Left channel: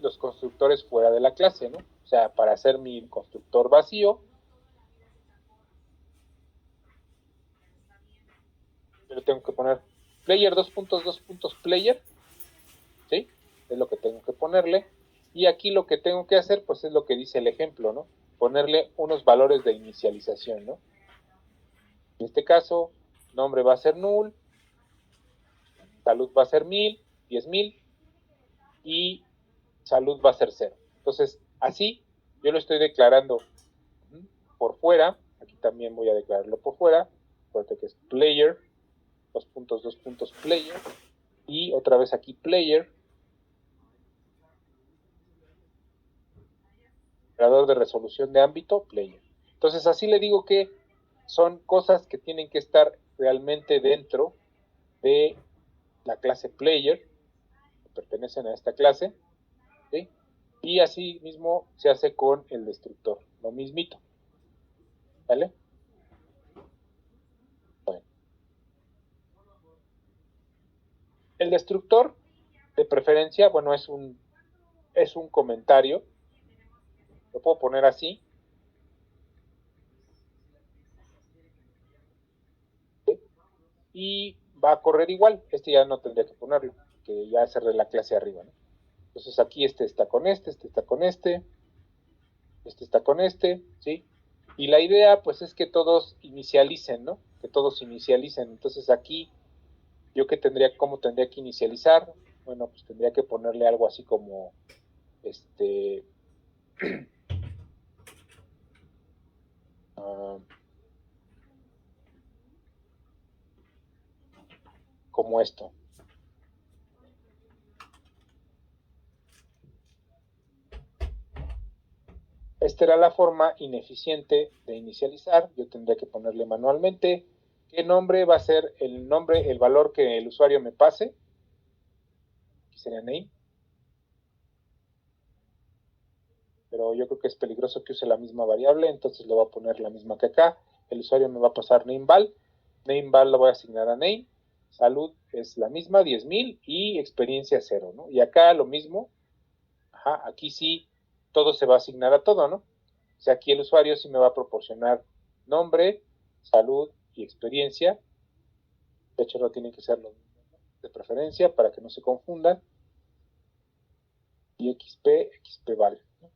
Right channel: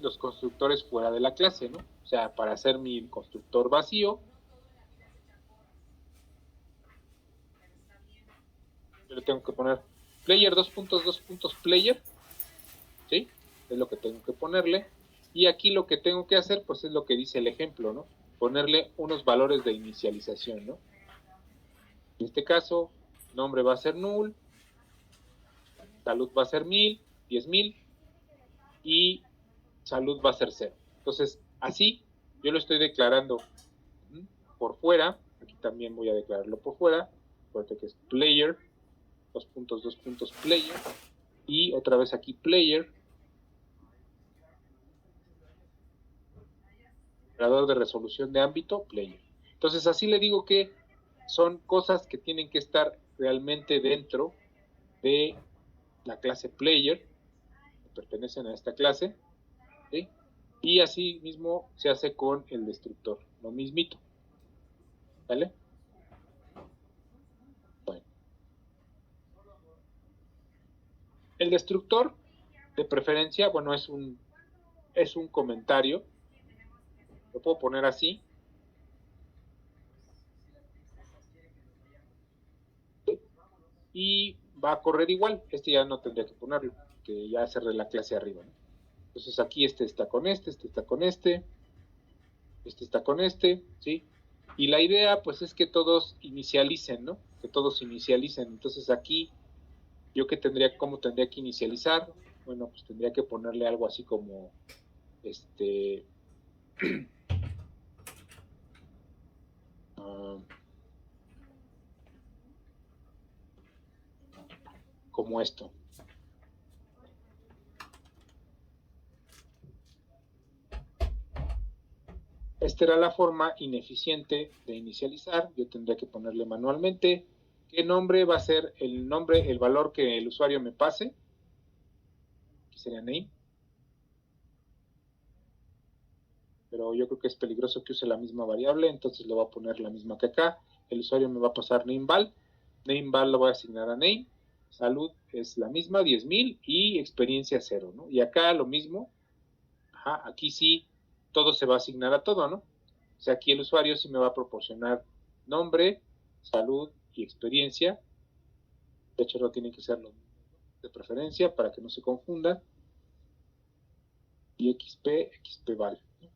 los constructores fuera de la clase, ¿no? O sea, para hacer mi constructor vacío, yo le tengo que poner player player, ¿sí? Es lo que tengo que ponerle. Y aquí lo que tengo que hacer, pues es lo que dice el ejemplo, ¿no? Ponerle unos valores de inicialización, ¿no? En este caso, nombre va a ser null, salud va a ser 1000, 10,000 y salud va a ser 0. Entonces, así yo lo estoy declarando por fuera. Aquí también voy a declararlo por fuera. Acuérdate que es player, player, y otra vez aquí player, operador de resolución de ámbito, player. Entonces, así le digo que son cosas que tienen que estar realmente dentro de la clase player, que pertenecen a esta clase, ¿sí? Y así mismo se hace con el destructor, lo mismito, ¿vale? Bueno. El destructor, de preferencia, bueno, es un comentario, lo puedo poner así, ¿sí? Y va a correr igual. Este ya no tendría que ponerlo, que ya cerré la clase arriba, ¿no? Entonces aquí este está con este está con este está con este, ¿sí? Y la idea, pues, es que todos inicialicen, ¿no? Que todos inicialicen. Entonces aquí, ¿yo qué tendría, cómo tendría que inicializar? Bueno, pues tendría que ponerle algo así como, como esto. Esta era la forma ineficiente de inicializar. Yo tendría que ponerle manualmente qué nombre va a ser el nombre, el valor que el usuario me pase. Aquí sería name. Pero yo creo que es peligroso que use la misma variable, entonces le voy a poner la misma que acá. El usuario me va a pasar nameval. Nameval lo voy a asignar a name. Salud es la misma, 10,000 y experiencia 0, ¿no? Y acá lo mismo. Ajá, aquí sí todo se va a asignar a todo, ¿no? O sea, aquí el usuario sí me va a proporcionar nombre, salud y experiencia. De hecho, no tienen que ser los mismos, ¿no? De preferencia para que no se confundan. Y XP val, ¿no?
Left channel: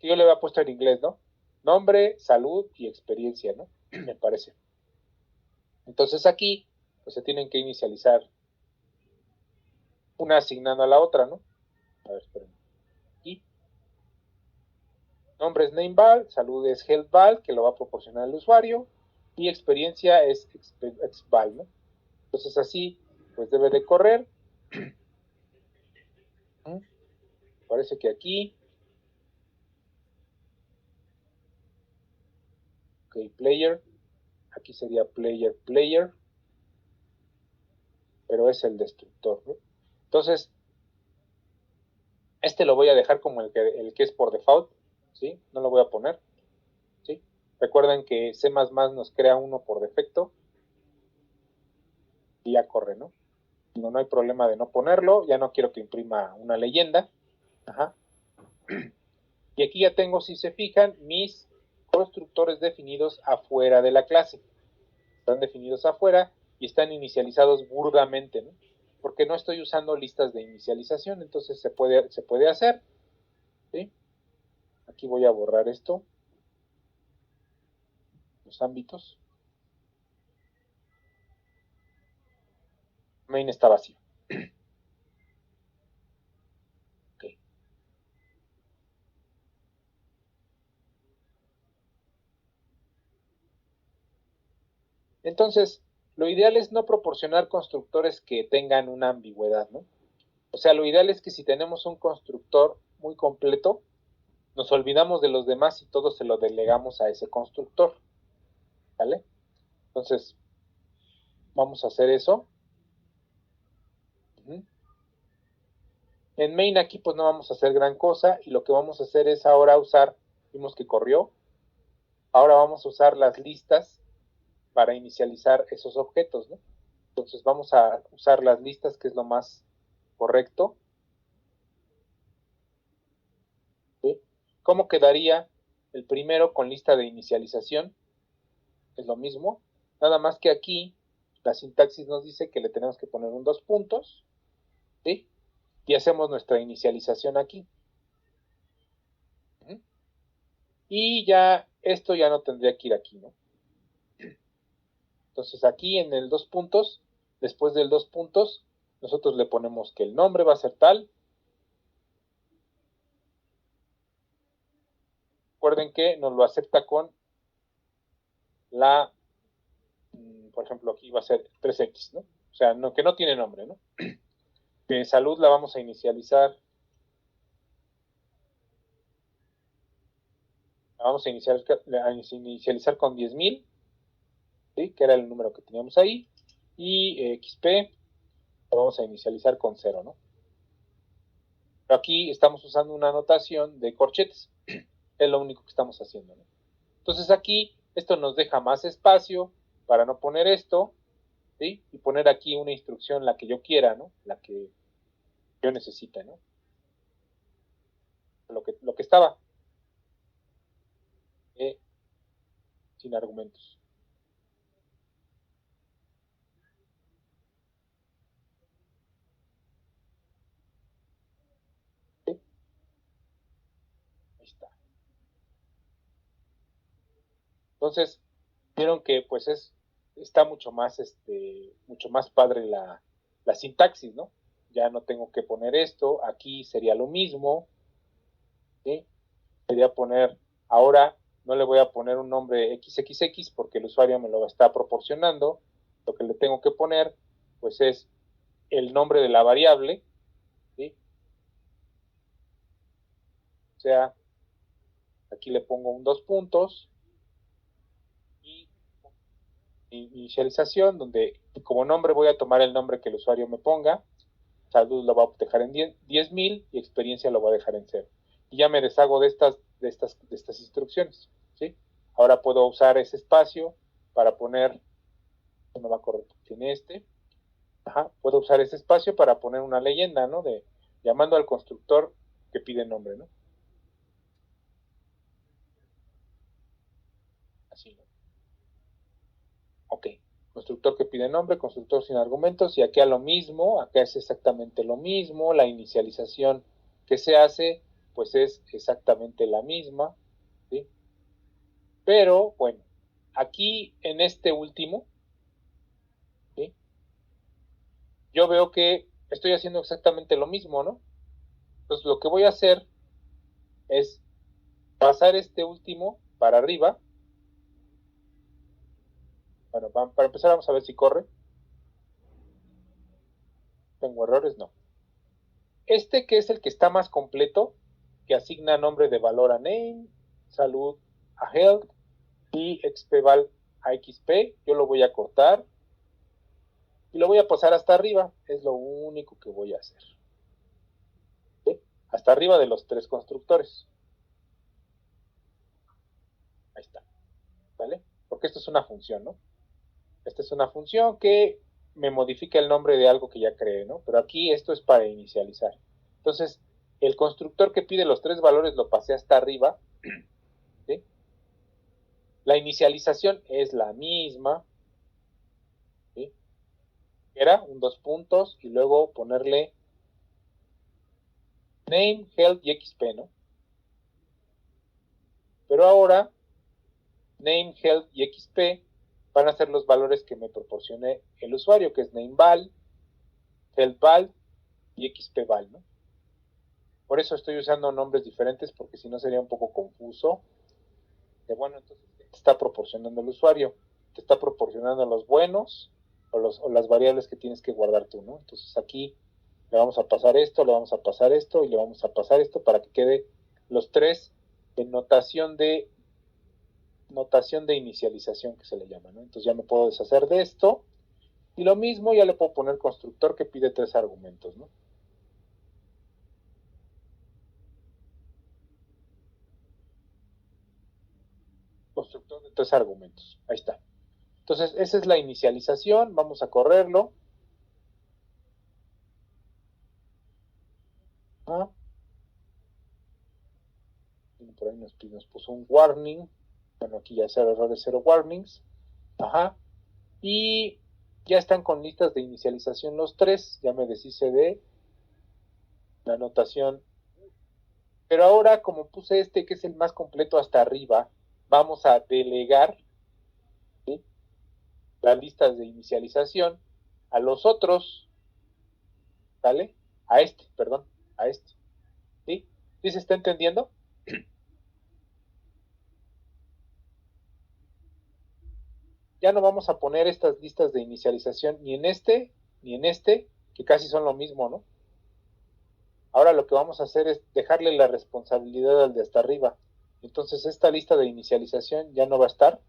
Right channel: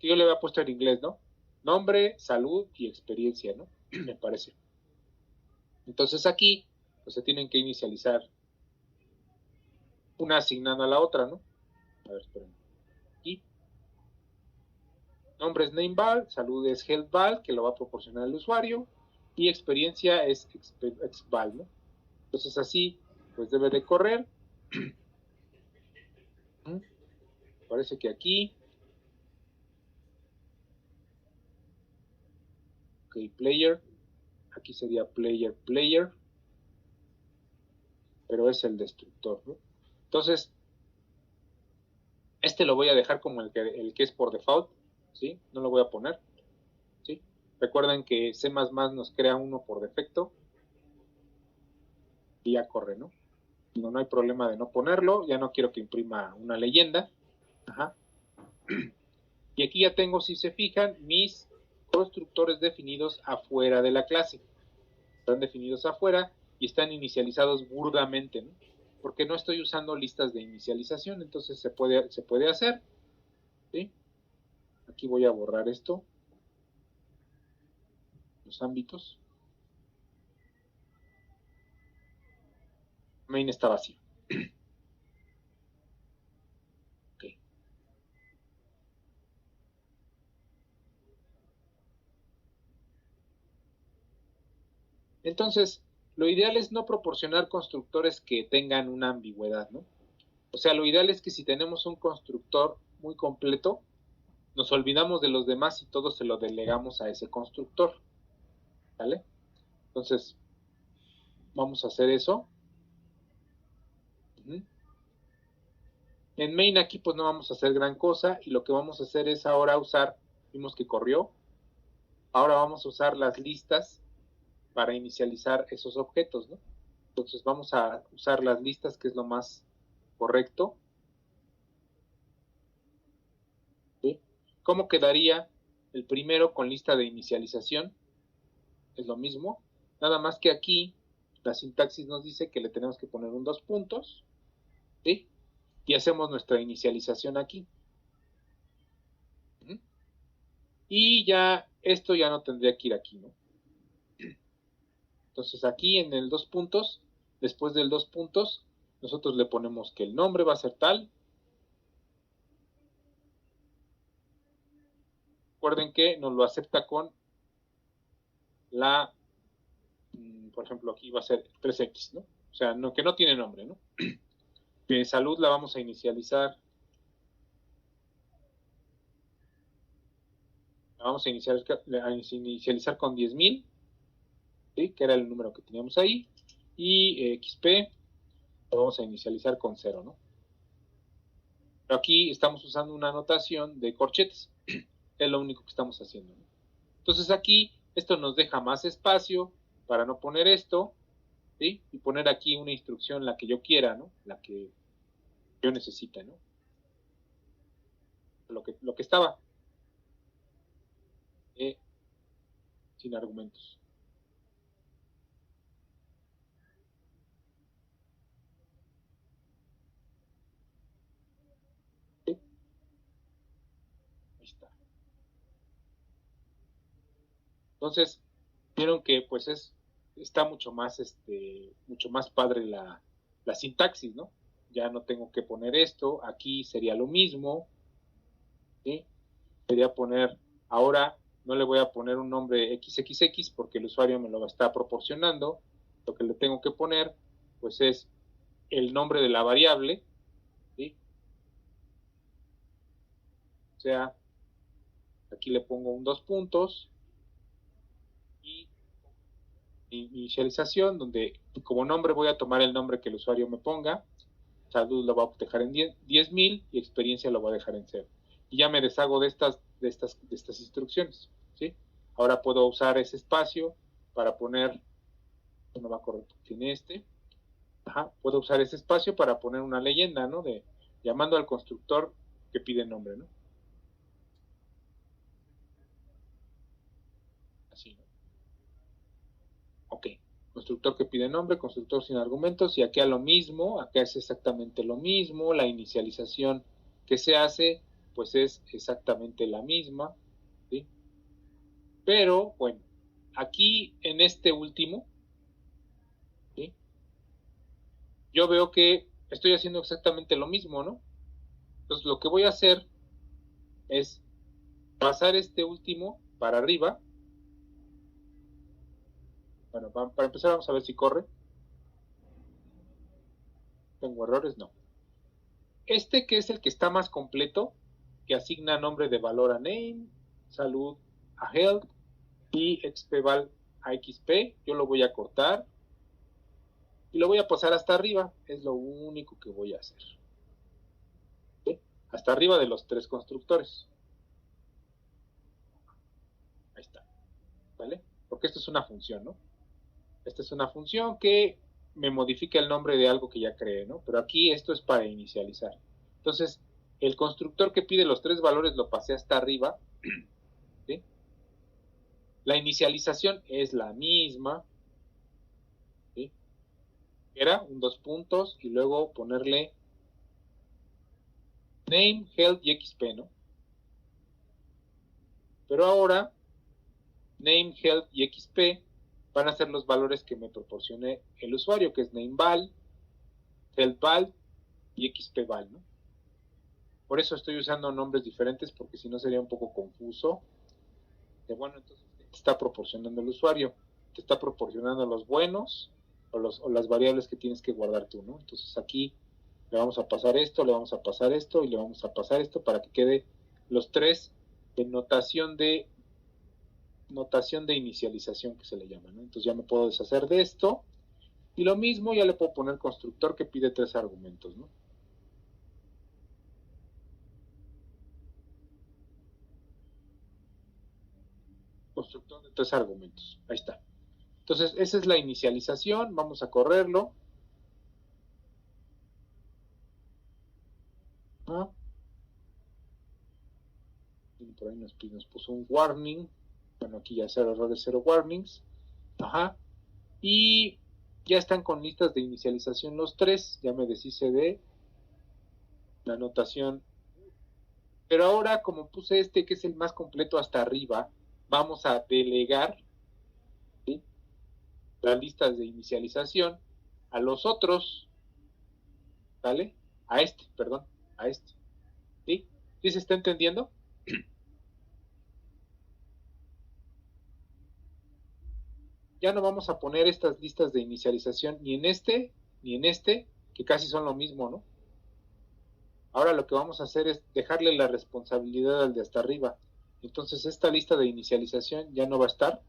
Que yo le había puesto en inglés, ¿no? Nombre, salud y experiencia, ¿no? Me parece. Entonces aquí, pues se tienen que inicializar una asignando a la otra, ¿no? A ver, espérenme. Aquí. Nombre es nameval, salud es healthval, que lo va a proporcionar el usuario, y experiencia es exval, ¿no? Entonces así, pues debe de correr. Parece que aquí. Ok, player. Aquí sería player, pero es el destructor, ¿no? Entonces, este lo voy a dejar como el que es por default, ¿sí? No lo voy a poner, ¿sí? Recuerden que C++ nos crea uno por defecto y ya corre, ¿no? No hay problema de no ponerlo, ya no quiero que imprima una leyenda. Ajá. Y aquí ya tengo, si se fijan, mis constructores definidos afuera de la clase. Están definidos afuera y están inicializados burdamente, ¿no? Porque no estoy usando listas de inicialización, entonces se puede hacer, ¿sí? Aquí voy a borrar esto, los ámbitos. Main está vacío. Okay. Entonces, lo ideal es no proporcionar constructores que tengan una ambigüedad, ¿no? O sea, lo ideal es que si tenemos un constructor muy completo, nos olvidamos de los demás y todo se lo delegamos a ese constructor, ¿vale? Entonces, vamos a hacer eso. En main aquí pues no vamos a hacer gran cosa y lo que vamos a hacer es ahora usar, vimos que corrió, ahora vamos a usar las listas para inicializar esos objetos, ¿no? Entonces vamos a usar las listas, que es lo más correcto. ¿Cómo quedaría el primero con lista de inicialización? Es lo mismo, nada más que aquí la sintaxis nos dice que le tenemos que poner un 2 puntos, ¿sí? Y hacemos nuestra inicialización aquí. Y ya, esto ya no tendría que ir aquí, ¿no? Entonces aquí en el 2 puntos, después del 2 puntos, nosotros le ponemos que el nombre va a ser tal. Recuerden que nos lo acepta con la, por ejemplo, aquí va a ser 3X, ¿no? O sea, no, que no tiene nombre, ¿no? De salud la vamos a inicializar. La vamos a inicializar con 10,000, ¿sí? Que era el número que teníamos ahí. Y XP lo vamos a inicializar con 0, ¿no? Pero aquí estamos usando una notación de corchetes. Es lo único que estamos haciendo, ¿no? Entonces aquí esto nos deja más espacio para no poner esto, ¿sí? Y poner aquí una instrucción, la que yo quiera, ¿no? La que yo necesite, ¿no? Lo que estaba sin argumentos. ¿Sí? Ahí está. Entonces, vieron que pues está mucho más padre la sintaxis, ¿no? Ya no tengo que poner esto, aquí sería lo mismo, ¿sí? Sería poner, ahora no le voy a poner un nombre XXX porque el usuario me lo está proporcionando, lo que le tengo que poner pues es el nombre de la variable, ¿sí? O sea, aquí le pongo un 2 puntos y inicialización, donde como nombre voy a tomar el nombre que el usuario me ponga, salud lo va a dejar en 10,000 y experiencia lo va a dejar en 0. Y ya me deshago de estas instrucciones, ¿sí? Ahora puedo usar ese espacio para poner, no va a correr, tiene puedo usar ese espacio para poner una leyenda, ¿no? De llamando al constructor que pide nombre, ¿no? Así, ¿no? Ok. Constructor que pide nombre, constructor sin argumentos, y aquí a lo mismo, acá es exactamente lo mismo, la inicialización que se hace, pues es exactamente la misma, ¿sí? Pero, bueno, aquí en este último, ¿sí? Yo veo que estoy haciendo exactamente lo mismo, ¿no? Entonces lo que voy a hacer es pasar este último para arriba. Bueno, para empezar vamos a ver si corre. ¿Tengo errores? No. Este que es el que está más completo, que asigna nombre de valor a name, salud a health y xpval a xp, yo lo voy a cortar y lo voy a pasar hasta arriba, es lo único que voy a hacer. ¿Sí? Hasta arriba de los 3 constructores. Ahí está, ¿vale? Porque esto es una función, ¿no? Esta es una función que me modifica el nombre de algo que ya creé, ¿no? Pero aquí esto es para inicializar. Entonces, el constructor que pide los 3 valores lo pasé hasta arriba, ¿sí? La inicialización es la misma, ¿sí? Era un 2 puntos y luego ponerle name, health y xp, ¿no? Pero ahora, name, health y xp van a ser los valores que me proporcione el usuario, que es nameval, healthval y xpval, ¿no? Por eso estoy usando nombres diferentes, porque si no sería un poco confuso. Bueno, entonces, ¿qué te está proporcionando el usuario? Te está proporcionando los buenos o las variables que tienes que guardar tú, ¿no? Entonces aquí le vamos a pasar esto, le vamos a pasar esto y le vamos a pasar esto para que quede los 3 en notación de inicialización que se le llama, ¿no? Entonces ya me puedo deshacer de esto y lo mismo ya le puedo poner constructor que pide 3 argumentos, ¿no? Constructor de 3 argumentos, ahí está. Entonces esa es la inicialización, vamos a correrlo. ¿No? por ahí nos puso un warning. Bueno, aquí ya 0 errores, 0 warnings. Ajá. Y ya están con listas de inicialización los tres. Ya me deshice de la anotación. Pero ahora, como puse este, que es el más completo hasta arriba, vamos a delegar, ¿sí?, las listas de inicialización a los otros, ¿vale? A este, perdón, a este. ¿Sí? ¿Sí se está entendiendo? Ya no vamos a poner estas listas de inicialización ni en este, que casi son lo mismo, ¿no? Ahora lo que vamos a hacer es dejarle la responsabilidad al de hasta arriba. Entonces esta lista de inicialización ya no va a estar.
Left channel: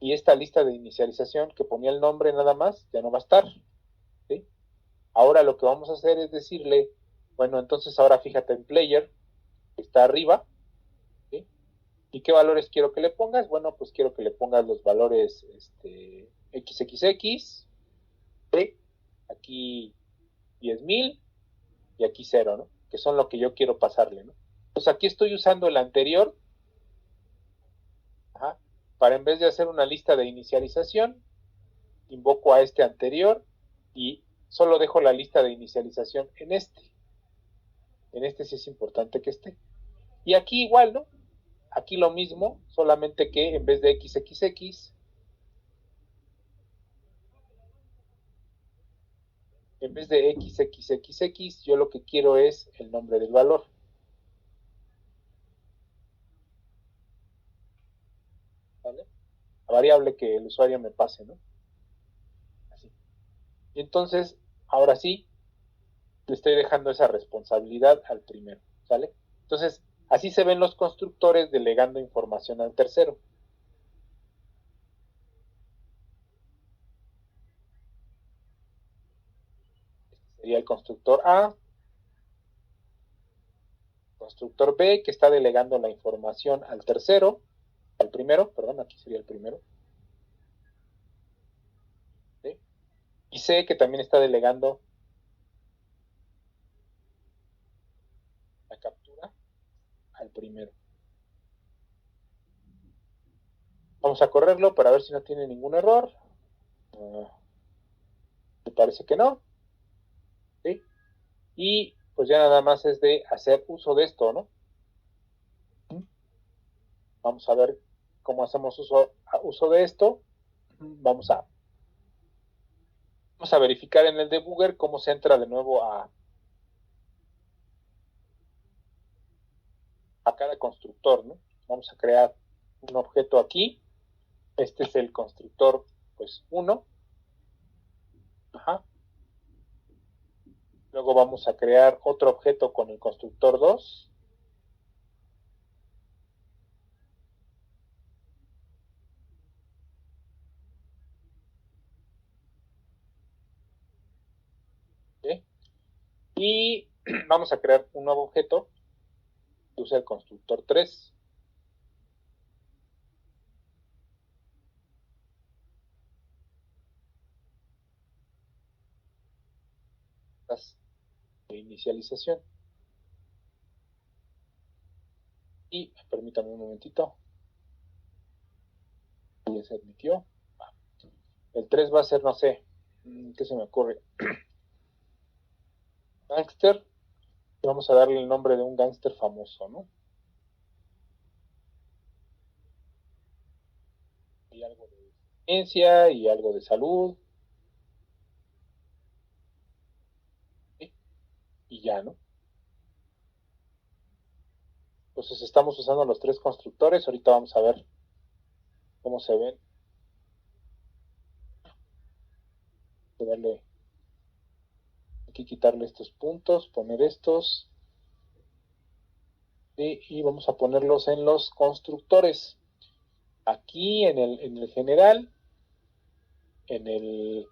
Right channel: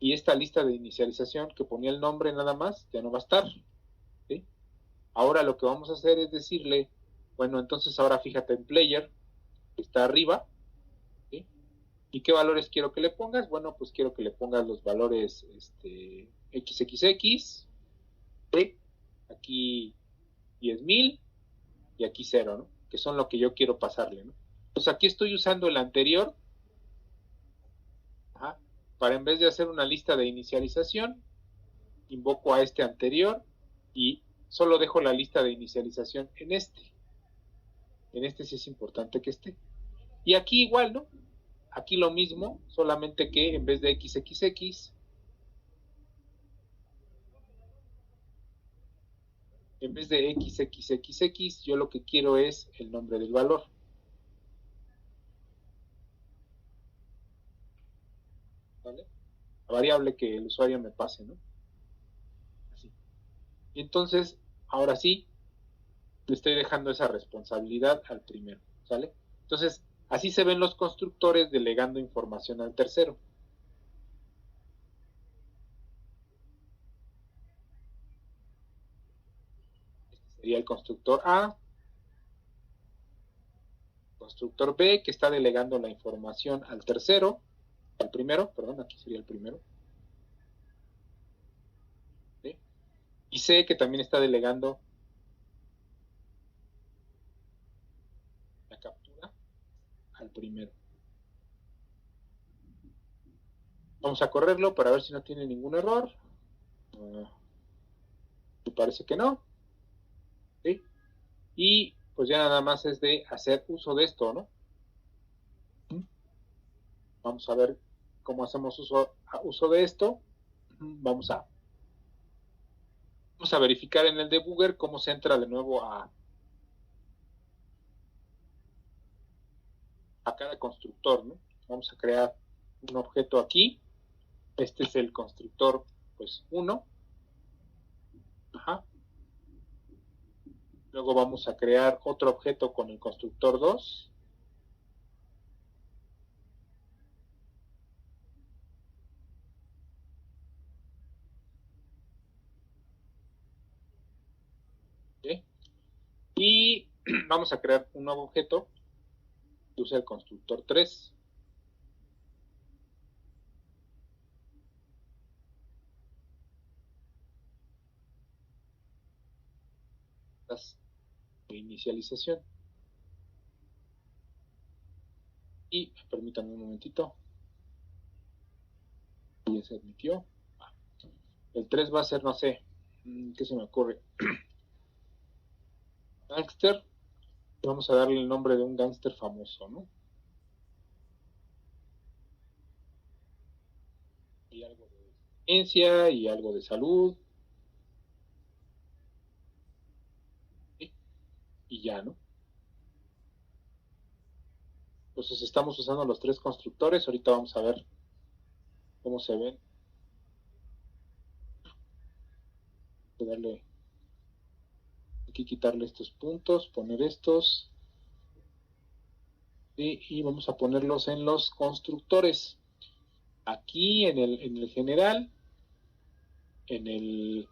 Y esta lista de inicialización que ponía el nombre nada más, ya no va a estar. ¿Sí? Ahora lo que vamos a hacer es decirle, bueno, entonces ahora fíjate en player, que está arriba, ¿sí? ¿Y qué valores quiero que le pongas? Bueno, pues quiero que le pongas los valores XXX, ¿sí? Aquí 10,000 y aquí 0, ¿no? Que son lo que yo quiero pasarle, ¿no? Pues aquí estoy usando el anterior, ajá, para en vez de hacer una lista de inicialización, invoco a este anterior y solo dejo la lista de inicialización en este. En este sí es importante que esté. Y aquí igual, ¿no? Aquí lo mismo, solamente que en vez de XXX, en vez de XXXX, yo lo que quiero es el nombre del valor. ¿Vale? La variable que el usuario me pase, ¿no? Así. Y entonces, ahora sí, le estoy dejando esa responsabilidad al primero, ¿sale? Entonces, así se ven los constructores delegando información al tercero. Este sería el constructor A, constructor B, que está delegando la información al tercero, al primero, perdón, aquí sería el primero. ¿Sí? Y C, que también está delegando la captura al primero. Vamos a correrlo para ver si no tiene ningún error. Me parece que no. ¿Sí? Y pues ya nada más es de hacer uso de esto, ¿no? Vamos a ver cómo hacemos uso de esto. Vamos a verificar en el debugger cómo se entra de nuevo a cada constructor, ¿no? Vamos a crear un objeto aquí. Este es el constructor, pues, 1. Ajá. Luego vamos a crear otro objeto con el constructor 2. ¿Sí? Y vamos a crear un nuevo objeto que usa el constructor 3. De inicialización. Y permítanme un momentito. Ya se admitió. El 3 va a ser, no sé, ¿qué se me ocurre? Gangster. Vamos a darle el nombre de un gángster famoso, ¿no? Y algo de ciencia y algo de salud. ¿Sí? Y ya, ¿no? Entonces estamos usando los tres constructores. Ahorita vamos a ver cómo se ven. Voy a darle aquí, quitarle estos puntos, poner estos. Y vamos a ponerlos en los constructores. Aquí en el general, en el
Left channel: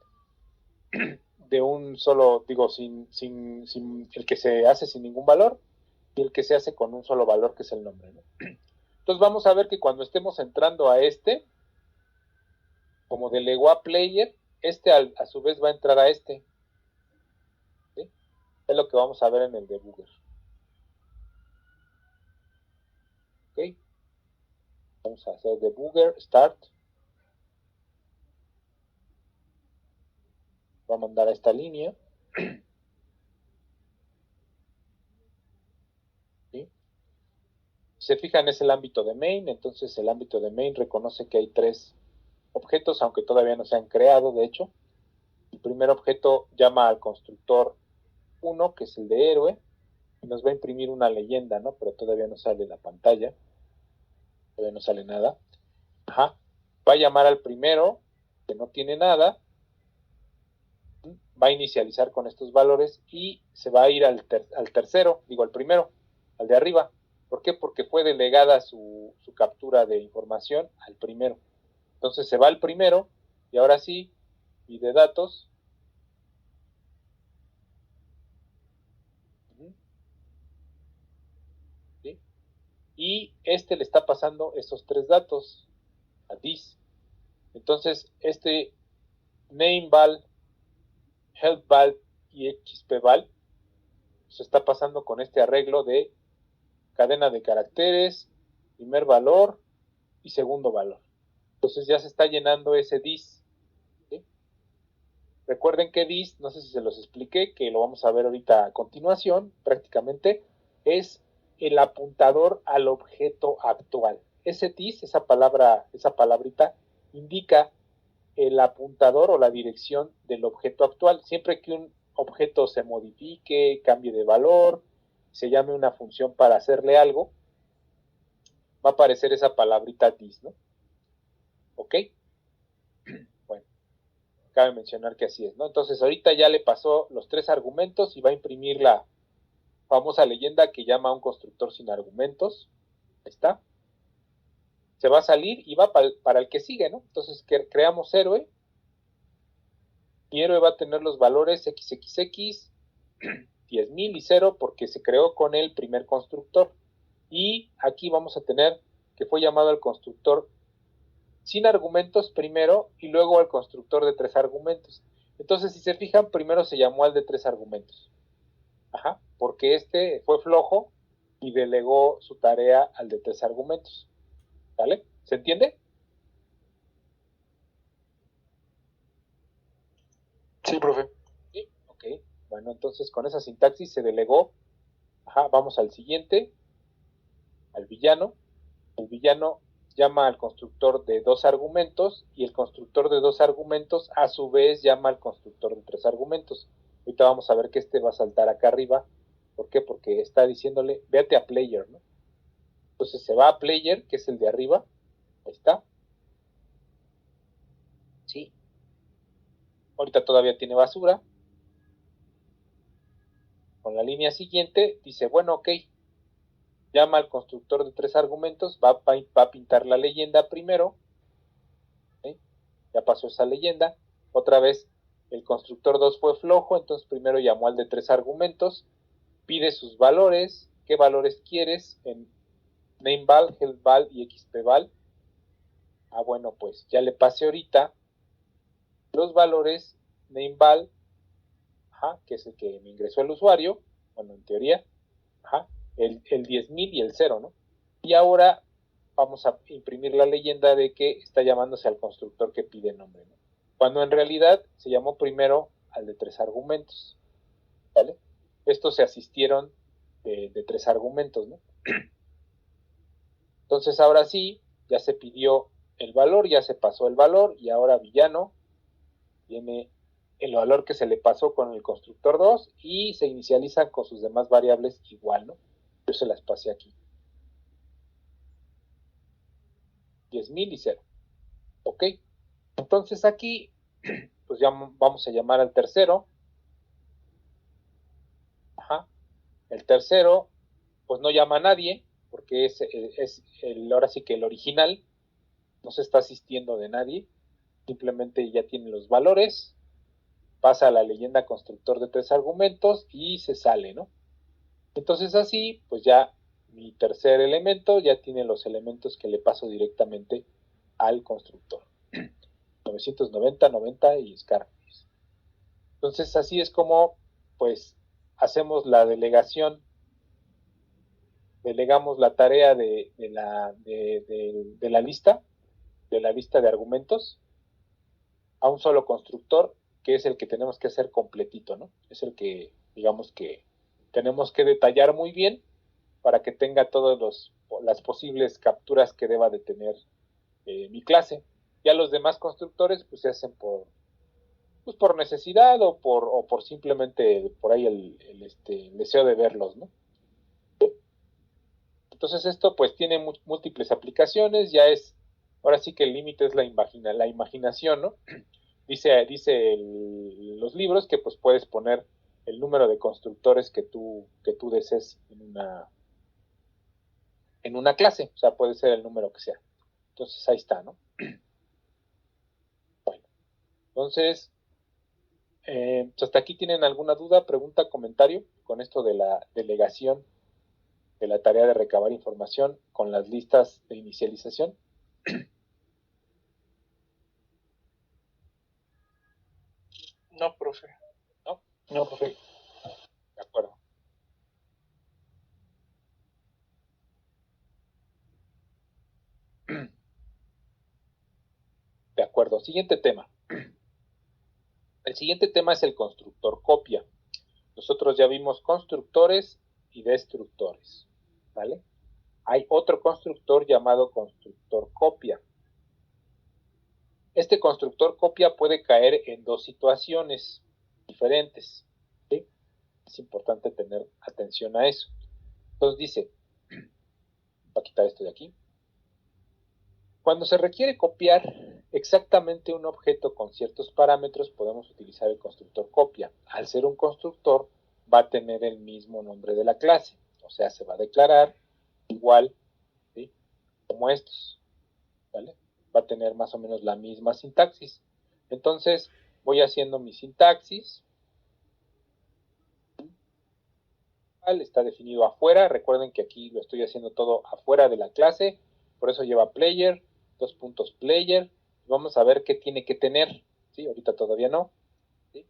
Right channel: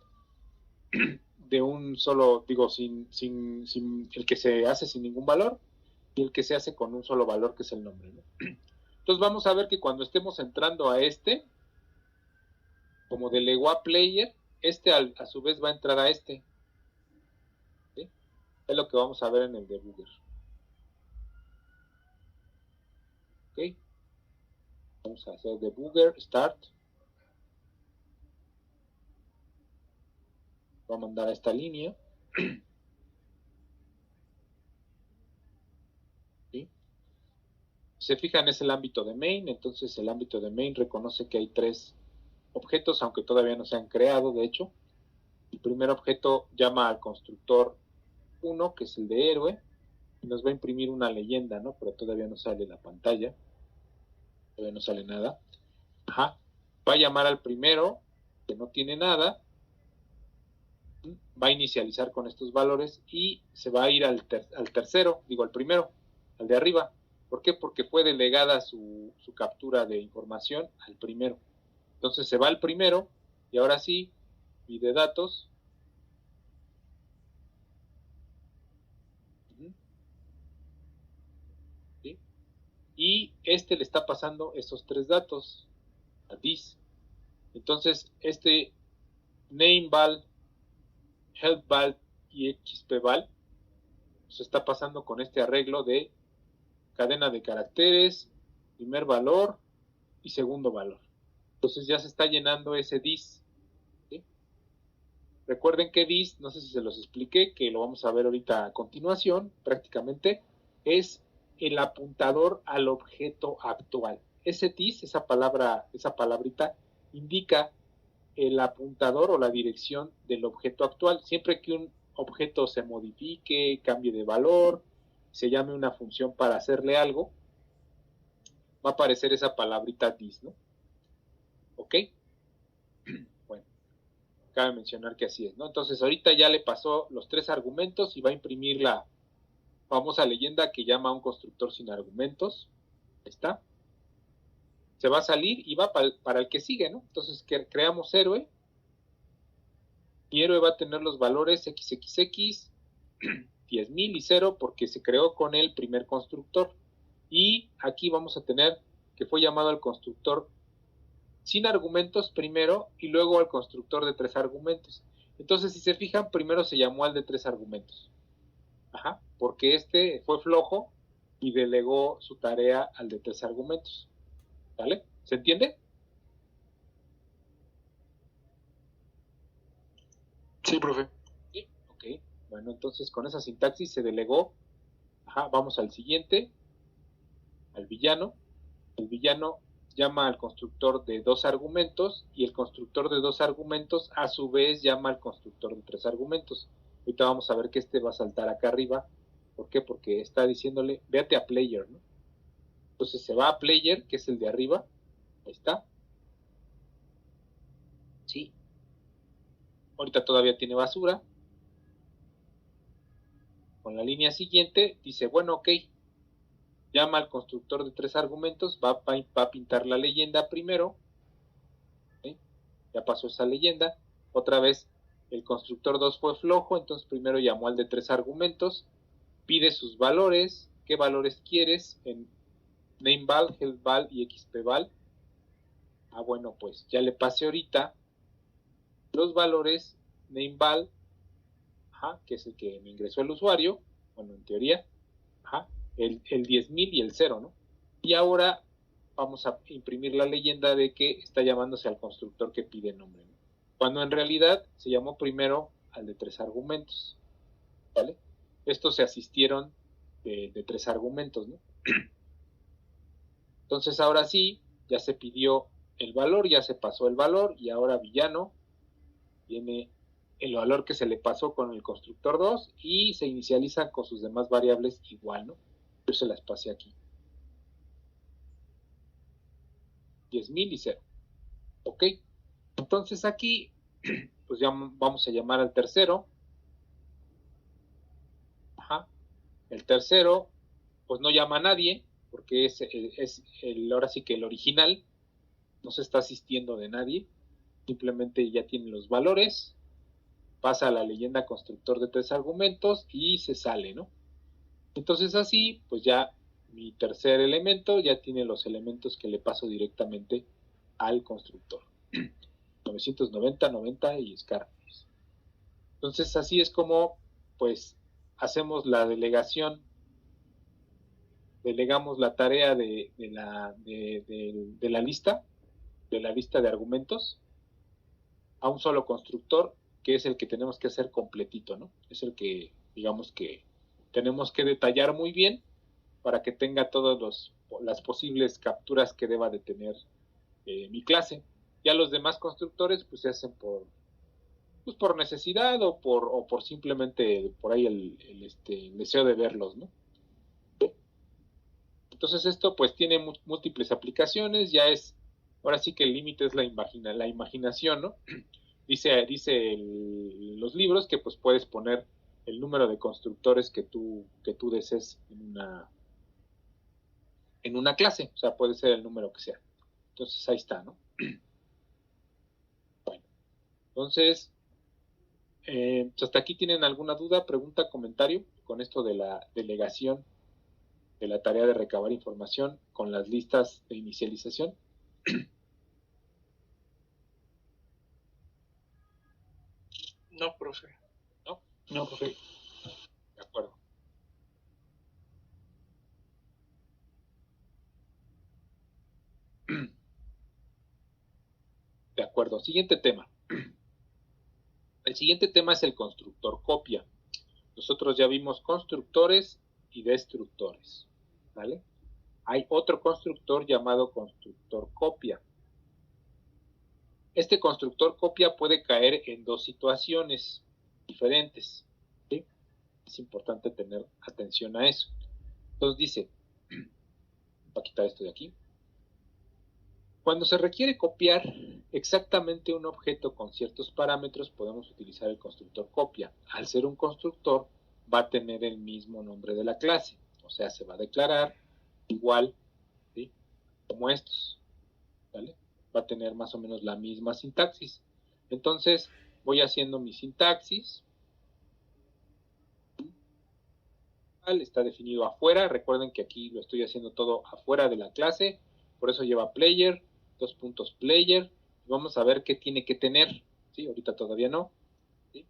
de un solo, digo, sin el que se hace sin ningún valor y el que se hace con un solo valor, que es el nombre, ¿no? Entonces vamos a ver que cuando estemos entrando a este, como delegó a player, este a su vez va a entrar a este, ¿sí? Es lo que vamos a ver en el debugger. ¿Ok? Vamos a hacer debugger, start. Voy a mandar a esta línea. ¿Sí? Si se fijan, es el ámbito de main, entonces el ámbito de main reconoce que hay 3 objetos, aunque todavía no se han creado, de hecho. El primer objeto llama al constructor 1, que es el de héroe, y nos va a imprimir una leyenda, ¿no? Pero todavía no sale la pantalla, todavía no sale nada. Ajá. Va a llamar al primero, que no tiene nada, va a inicializar con estos valores y se va a ir al tercero, digo al primero, al de arriba. ¿Por qué? Porque fue delegada su captura de información al primero. Entonces se va al primero y ahora sí, y de datos. ¿Sí? Y este le está pasando esos 3 datos a this. Entonces este nameval, helpval y xpval se está pasando con este arreglo de cadena de caracteres, primer valor y segundo valor. Entonces ya se está llenando ese dis. ¿Sí? Recuerden que dis, no sé si se los expliqué, que lo vamos a ver ahorita a continuación, prácticamente, es el apuntador al objeto actual. Ese dis, esa palabra, esa palabrita, indica el apuntador o la dirección del objeto actual. Siempre que un objeto se modifique, cambie de valor, se llame una función para hacerle algo, va a aparecer esa palabrita dis, ¿no? ¿Ok? Bueno, cabe mencionar que así es, ¿no? Entonces ahorita ya le pasó los 3 argumentos y va a imprimir la famosa leyenda que llama a un constructor sin argumentos. Ahí está. Se va a salir y va para el que sigue, ¿no? Entonces creamos héroe. Y héroe va a tener los valores XXX, 10,000 y 0 porque se creó con el primer constructor. Y aquí vamos a tener que fue llamado al constructor sin argumentos primero y luego al constructor de 3 argumentos. Entonces, si se fijan, primero se llamó al de 3 argumentos. Ajá, porque este fue flojo y delegó su tarea al de 3 argumentos. ¿Vale? ¿Se entiende? Sí, profe. Sí, ok. Bueno, entonces con esa sintaxis se delegó. Ajá, vamos al siguiente, al villano. El villano llama al constructor de 2 argumentos y el constructor de 2 argumentos a su vez llama al constructor de 3 argumentos. Ahorita vamos a ver que este va a saltar acá arriba. ¿Por qué? Porque está diciéndole, véate a player, ¿no? Entonces se va a player, que es el de arriba. Ahí está. Sí. Ahorita todavía tiene basura. Con la línea siguiente dice, bueno, ok. Llama al constructor de 3 argumentos, va a pintar la leyenda primero. ¿Sí? Ya pasó esa leyenda. Otra vez el constructor 2 fue flojo, entonces primero llamó al de 3 argumentos, pide sus valores, qué valores quieres en nameval, helpval y xpval. Ah, bueno, pues ya le pasé ahorita los valores nameval, ajá, que es el que me ingresó el usuario, bueno, en teoría, ajá, el 10,000 y el 0, ¿no? Y ahora vamos a imprimir la leyenda de que está llamándose al constructor que pide nombre, ¿no? Cuando en realidad se llamó primero al de 3 argumentos, ¿vale? Estos se asistieron de 3 argumentos, ¿no? Entonces ahora sí, ya se pidió el valor, ya se pasó el valor y ahora villano tiene el valor que se le pasó con el constructor 2 y se inicializan con sus demás variables igual, ¿no? Yo se las pasé aquí. 10,000 y 0. ¿Ok? Entonces aquí, pues ya vamos a llamar al tercero. Ajá. El tercero, pues no llama a nadie, porque es ahora sí que el original, no se está asistiendo de nadie, simplemente ya tiene los valores, pasa a la leyenda constructor de 3 argumentos y se sale, ¿no? Entonces así, pues ya mi tercer elemento ya tiene los elementos que le paso directamente al constructor. 990, 90 y Scarface. Entonces así es como, pues, hacemos la delegación, delegamos la tarea de la lista, de la lista de argumentos, a un solo constructor, que es el que tenemos que hacer completito, ¿no? Es el que, digamos que tenemos que detallar muy bien para que tenga todas las posibles capturas que deba de tener mi clase. Ya los demás constructores pues se hacen por necesidad o por simplemente por ahí el deseo de verlos, ¿no? Entonces esto pues tiene múltiples aplicaciones, ya es, ahora sí que el límite es la imaginación, ¿no? Dice los libros que pues puedes poner el número de constructores que tú desees en una clase, o sea, puede ser el número que sea. Entonces ahí está, ¿no? Bueno, entonces, ¿hasta aquí tienen alguna duda, pregunta, comentario con esto de la delegación de la tarea de recabar información con las listas de inicialización? No, profe. ¿No? No, profe. De acuerdo. De acuerdo. Siguiente tema. El siguiente tema es el constructor copia. Nosotros ya vimos constructores y destructores, ¿vale? Hay otro constructor llamado constructor copia. Este constructor copia puede caer en dos situaciones diferentes, ¿sí? Es importante tener atención a eso. Entonces dice, voy a quitar esto de aquí. Cuando se requiere copiar exactamente un objeto con ciertos parámetros, podemos utilizar el constructor copia. Al ser un constructor, va a tener el mismo nombre de la clase, o sea, se va a declarar igual, ¿sí? Como estos, ¿vale? Va a tener más o menos la misma sintaxis. Entonces, voy haciendo mi sintaxis. Está definido afuera. Recuerden que aquí lo estoy haciendo todo afuera de la clase. Por eso lleva player, dos puntos player. Vamos a ver qué tiene que tener. ¿Sí? Ahorita todavía no. ¿Sí?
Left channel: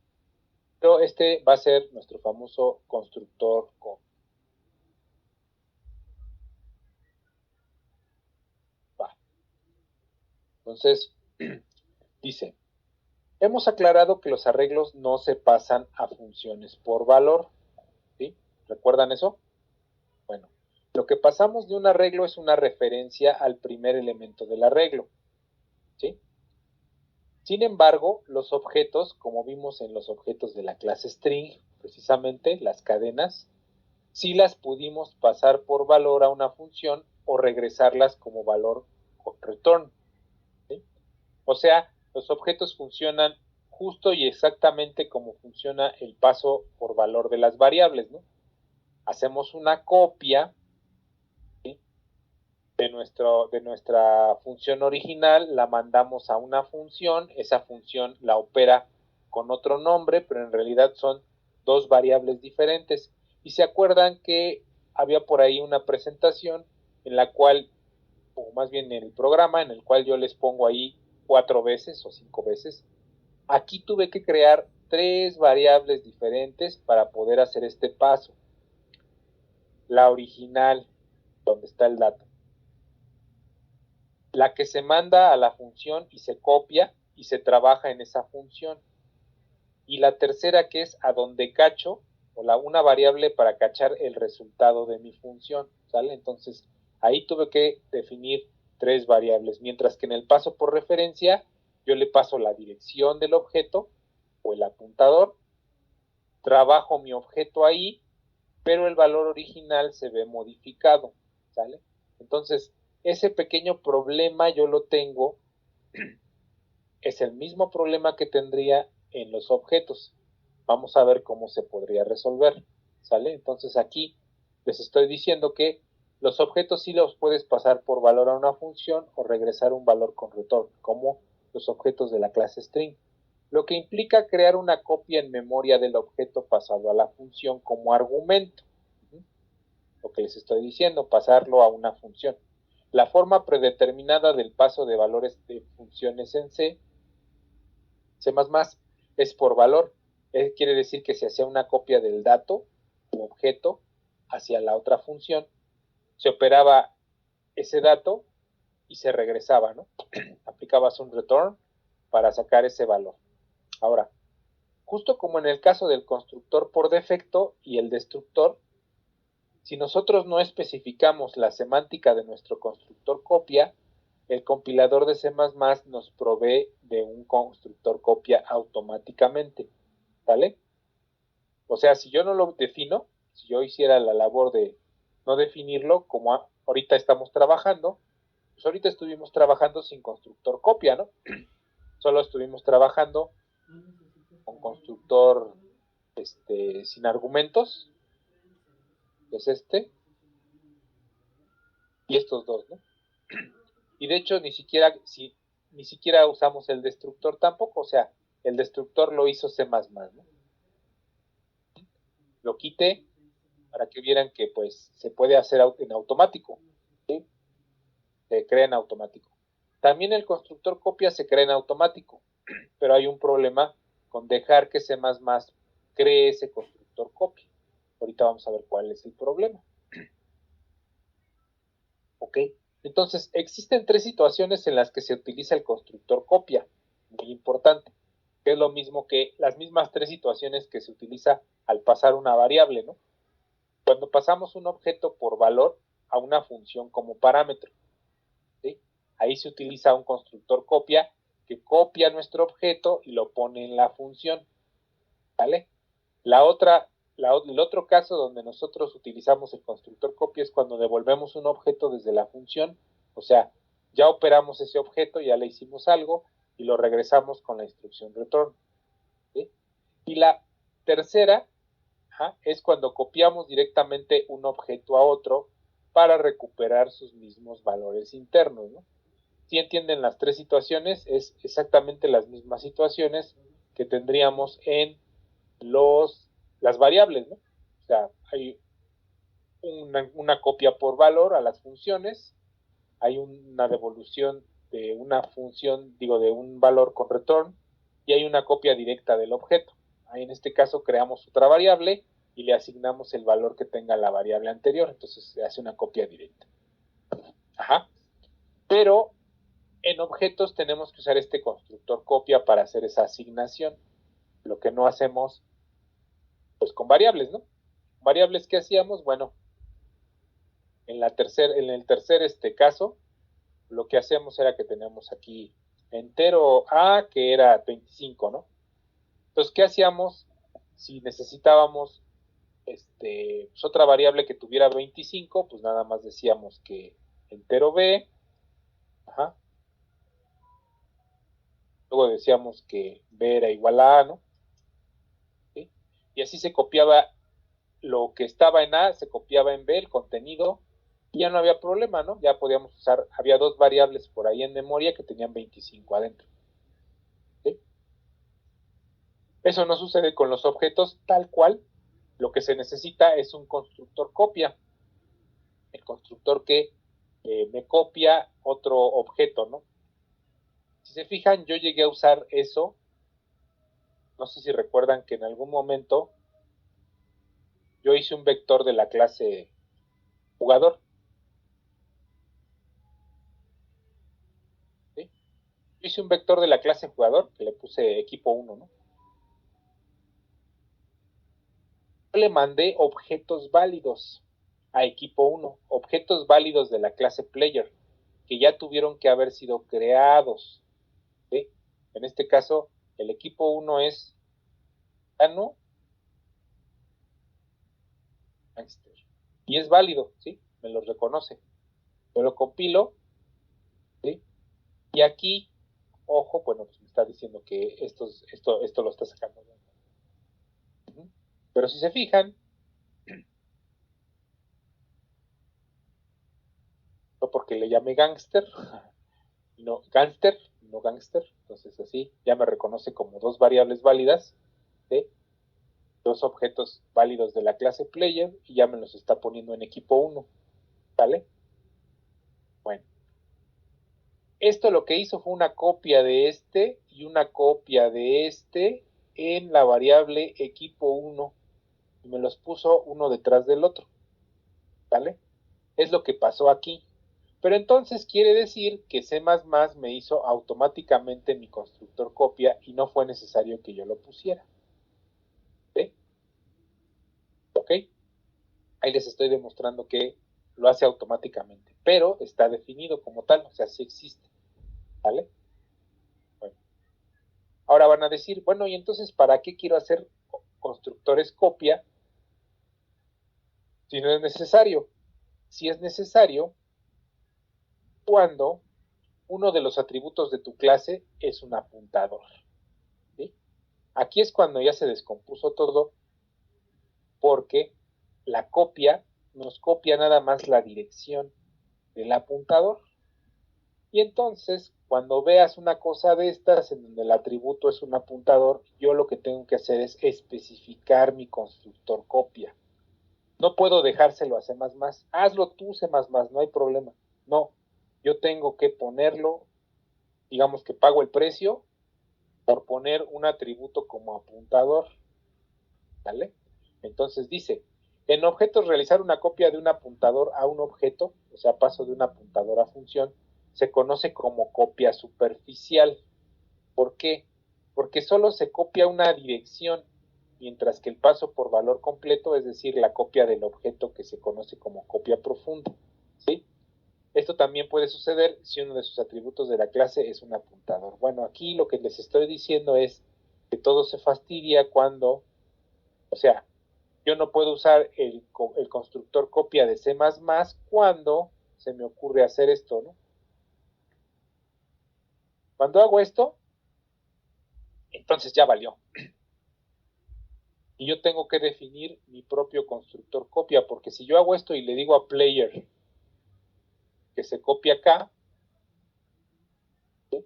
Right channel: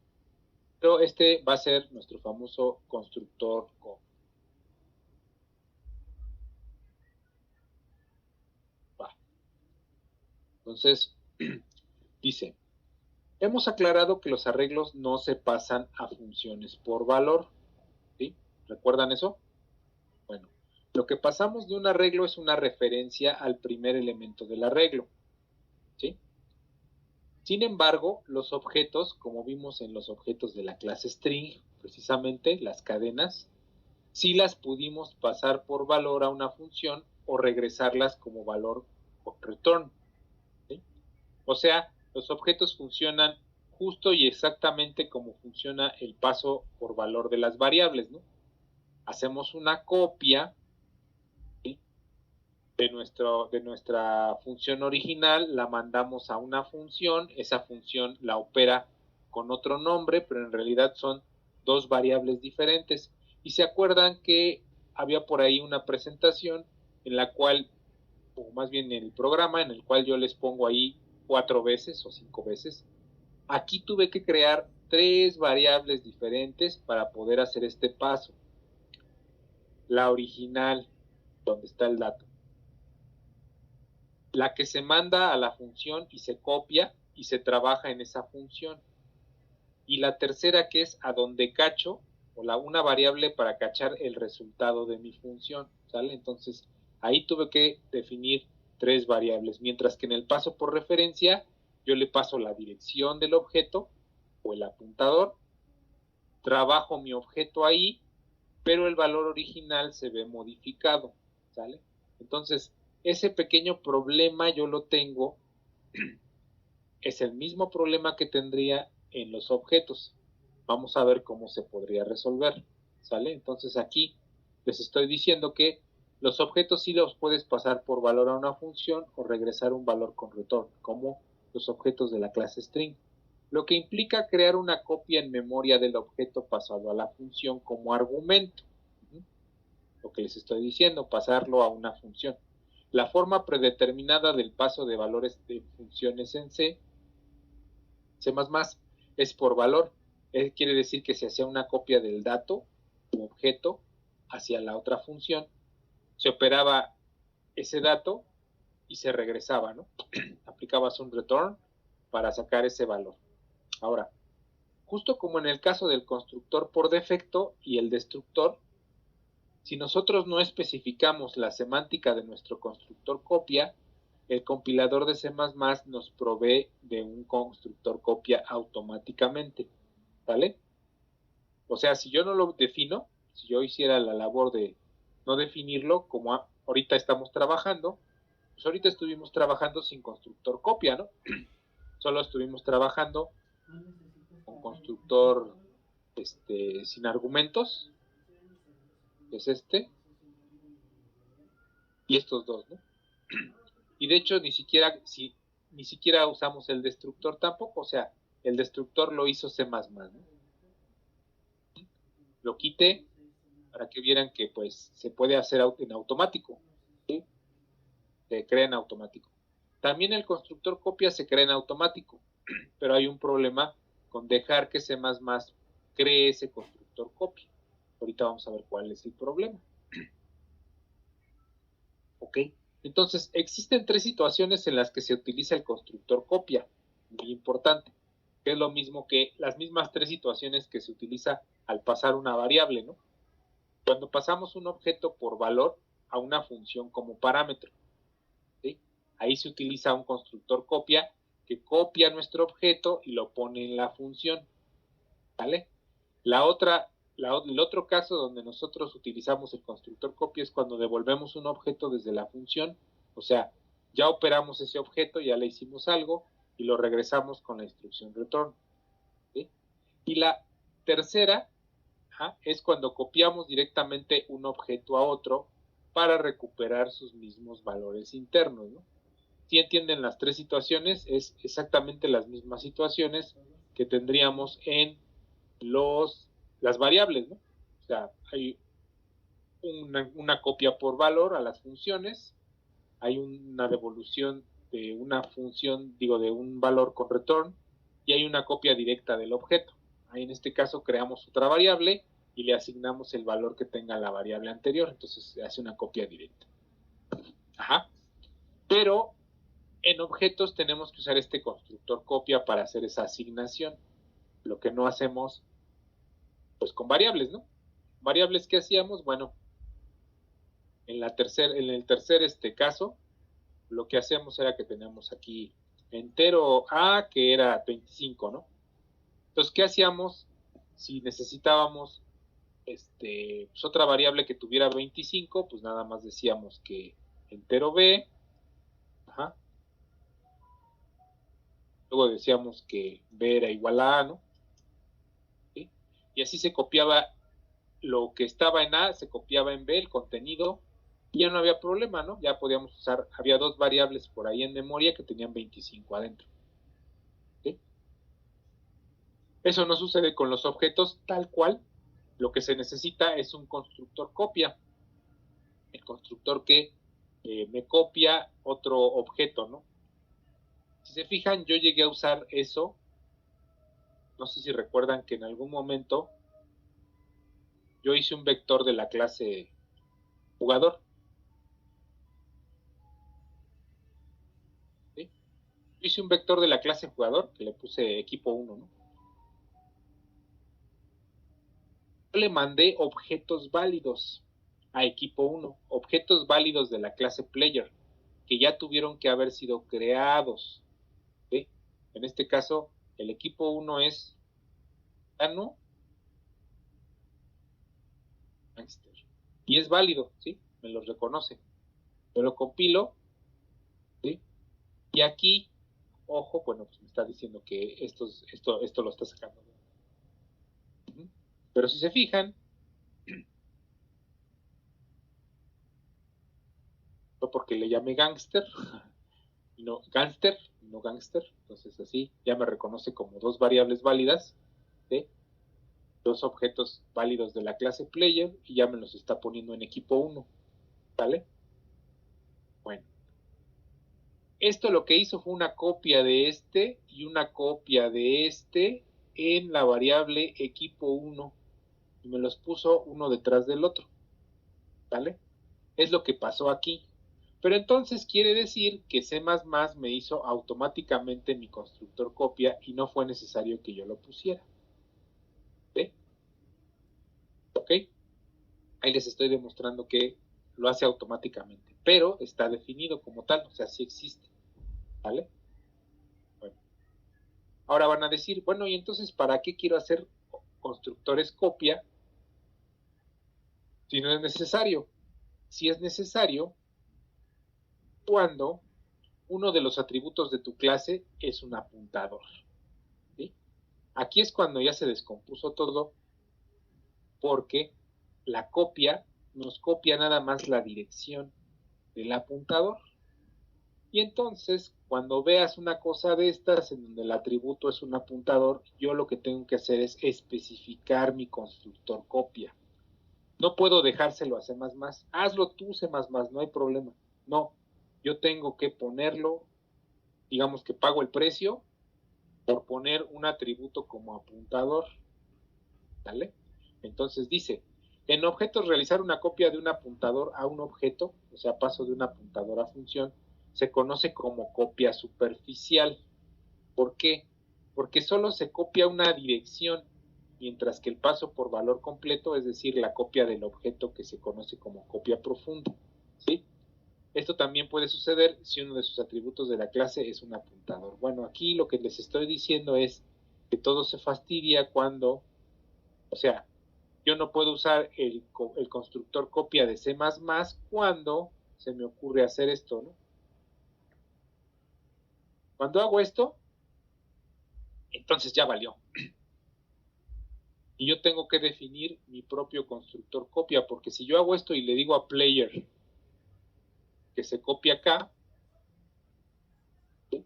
Pero este va a ser nuestro famoso constructor con. Va. Entonces, dice, hemos aclarado que los arreglos no se pasan a funciones por valor. ¿Sí? ¿Recuerdan eso? Bueno, lo que pasamos de un arreglo es una referencia al primer elemento del arreglo. ¿Sí? Sin embargo, los objetos, como vimos en los objetos de la clase string, precisamente las cadenas, sí las pudimos pasar por valor a una función o regresarlas como valor return. ¿Sí? O sea, los objetos funcionan justo y exactamente como funciona el paso por valor de las variables, ¿no? Hacemos una copia, ¿sí? de nuestra función original, la mandamos a una función, esa función la opera con otro nombre, pero en realidad son dos variables diferentes. Y se acuerdan que había por ahí una presentación en la cual, o más bien en el programa, en el cual yo les pongo ahí 4 veces o 5 veces. Aquí tuve que crear 3 variables diferentes para poder hacer este paso. La original, donde está el dato, la que se manda a la función y se copia y se trabaja en esa función. Y la tercera, que es a donde cacho, o una variable para cachar el resultado de mi función, ¿sale? Entonces, ahí tuve que definir 3 variables, mientras que en el paso por referencia, yo le paso la dirección del objeto o el apuntador, trabajo mi objeto ahí, pero el valor original se ve modificado, ¿sale? Entonces, ese pequeño problema yo lo tengo, es el mismo problema que tendría en los objetos. Vamos a ver cómo se podría resolver, ¿sale? Entonces aquí les estoy diciendo que los objetos sí los puedes pasar por valor a una función o regresar un valor con return, como los objetos de la clase string, lo que implica crear una copia en memoria del objeto pasado a la función como argumento. Lo que les estoy diciendo, pasarlo a una función. La forma predeterminada del paso de valores de funciones en C++ es por valor. quiere decir que se hacía una copia del dato u objeto hacia la otra función, se operaba ese dato y se regresaba, ¿no? Aplicabas un return para sacar ese valor. Ahora, justo como en el caso del constructor por defecto y el destructor, si nosotros no especificamos la semántica de nuestro constructor copia, el compilador de C++ nos provee de un constructor copia automáticamente, ¿vale? O sea, si yo no lo defino, si yo hiciera la labor de no definirlo, como ahorita estamos trabajando, pues ahorita estuvimos trabajando sin constructor copia, ¿no? Solo estuvimos trabajando con constructor sin argumentos, que es este, y estos dos, ¿no? Y de hecho ni siquiera usamos el destructor tampoco, o sea, el destructor lo hizo C++, ¿no? Lo quité para que vieran que pues se puede hacer en automático, ¿sí? Se crea en automático. También el constructor copia se crea en automático, pero hay un problema con dejar que C++ cree ese constructor copia. Ahorita vamos a ver cuál es el problema. ¿Ok? Entonces, existen 3 situaciones en las que se utiliza el constructor copia, muy importante, que es lo mismo que las mismas 3 situaciones que se utiliza al pasar una variable, ¿no? Cuando pasamos un objeto por valor a una función como parámetro, ¿sí? Ahí se utiliza un constructor copia que copia nuestro objeto y lo pone en la función, ¿vale? El otro caso donde nosotros utilizamos el constructor copia es cuando devolvemos un objeto desde la función, o sea, ya operamos ese objeto, ya le hicimos algo y lo regresamos con la instrucción return, ¿sí? Y la tercera es cuando copiamos directamente un objeto a otro para recuperar sus mismos valores internos, ¿no? Si entienden las 3 situaciones, es exactamente las mismas situaciones que tendríamos en las variables, ¿no? O sea, hay una copia por valor a las funciones, hay una devolución de una función, digo, de un valor con return, y hay una copia directa del objeto. Ahí en este caso creamos otra variable y le asignamos el valor que tenga la variable anterior, entonces se hace una copia directa. Ajá. Pero en objetos tenemos que usar este constructor copia para hacer esa asignación, lo que no hacemos pues con variables, ¿no? Variables que hacíamos, bueno, en el tercer caso, lo que hacemos era que teníamos aquí entero A, que era 25, ¿no? Entonces, ¿qué hacíamos si necesitábamos pues otra variable que tuviera 25? Pues nada más decíamos que entero B, ajá, luego decíamos que B era igual a A, ¿no? ¿Sí? Y así se copiaba lo que estaba en A, se copiaba en B, el contenido, y ya no había problema, ¿no? Ya podíamos usar, había 2 variables por ahí en memoria que tenían 25 adentro. ¿Sí? Eso no sucede con los objetos tal cual. Lo que se necesita es un constructor copia. El constructor que me copia otro objeto, ¿no? Si se fijan, yo llegué a usar eso. No sé si recuerdan que en algún momento yo hice un vector de la clase jugador. ¿Sí? Yo hice un vector de la clase jugador que le puse equipo 1, ¿no? Yo le mandé objetos válidos a equipo 1, objetos válidos de la clase player, que ya tuvieron que haber sido creados. ¿Sí? En este caso, el equipo 1 es Tano Gangster. Y es válido, ¿sí? Me lo reconoce. Yo lo compilo, ¿sí? Y aquí, ojo, bueno, pues me está diciendo que esto lo está sacando. Pero si se fijan, no porque le llame gangster, no gangster, no gangster, entonces así ya me reconoce como 2 variables válidas, ¿sí? 2 objetos válidos de la clase player y ya me los está poniendo en equipo 1, ¿vale? Bueno, esto lo que hizo fue una copia de este y una copia de este en la variable equipo 1 y me los puso uno detrás del otro, ¿vale? Es lo que pasó aquí. Pero entonces quiere decir que C++ me hizo automáticamente mi constructor copia y no fue necesario que yo lo pusiera. ¿Ve? ¿Ok? Ahí les estoy demostrando que lo hace automáticamente, pero está definido como tal, o sea, sí existe. ¿Vale? Bueno. Ahora van a decir, bueno, ¿y entonces para qué quiero hacer constructores copia si no es necesario? Si es necesario cuando uno de los atributos de tu clase es un apuntador. ¿Sí? Aquí es cuando ya se descompuso todo, porque la copia nos copia nada más la dirección del apuntador. Y entonces, cuando veas una cosa de estas, en donde el atributo es un apuntador, yo lo que tengo que hacer es especificar mi constructor copia. No puedo dejárselo a C++. Hazlo tú, C++, no hay problema. No, yo tengo que ponerlo, digamos que pago el precio por poner un atributo como apuntador. ¿Vale? Entonces dice, en objetos realizar una copia de un apuntador a un objeto, o sea, paso de un apuntador a función, se conoce como copia superficial. ¿Por qué? Porque solo se copia una dirección, mientras que el paso por valor completo, es decir, la copia del objeto que se conoce como copia profunda. ¿Sí? Esto también puede suceder si uno de sus atributos de la clase es un apuntador. Bueno, aquí lo que les estoy diciendo es que todo se fastidia cuando, o sea, yo no puedo usar el constructor copia de C++ cuando se me ocurre hacer esto, ¿no? Cuando hago esto, entonces ya valió. Y yo tengo que definir mi propio constructor copia, porque si yo hago esto y le digo a player que se copia acá, ¿sí?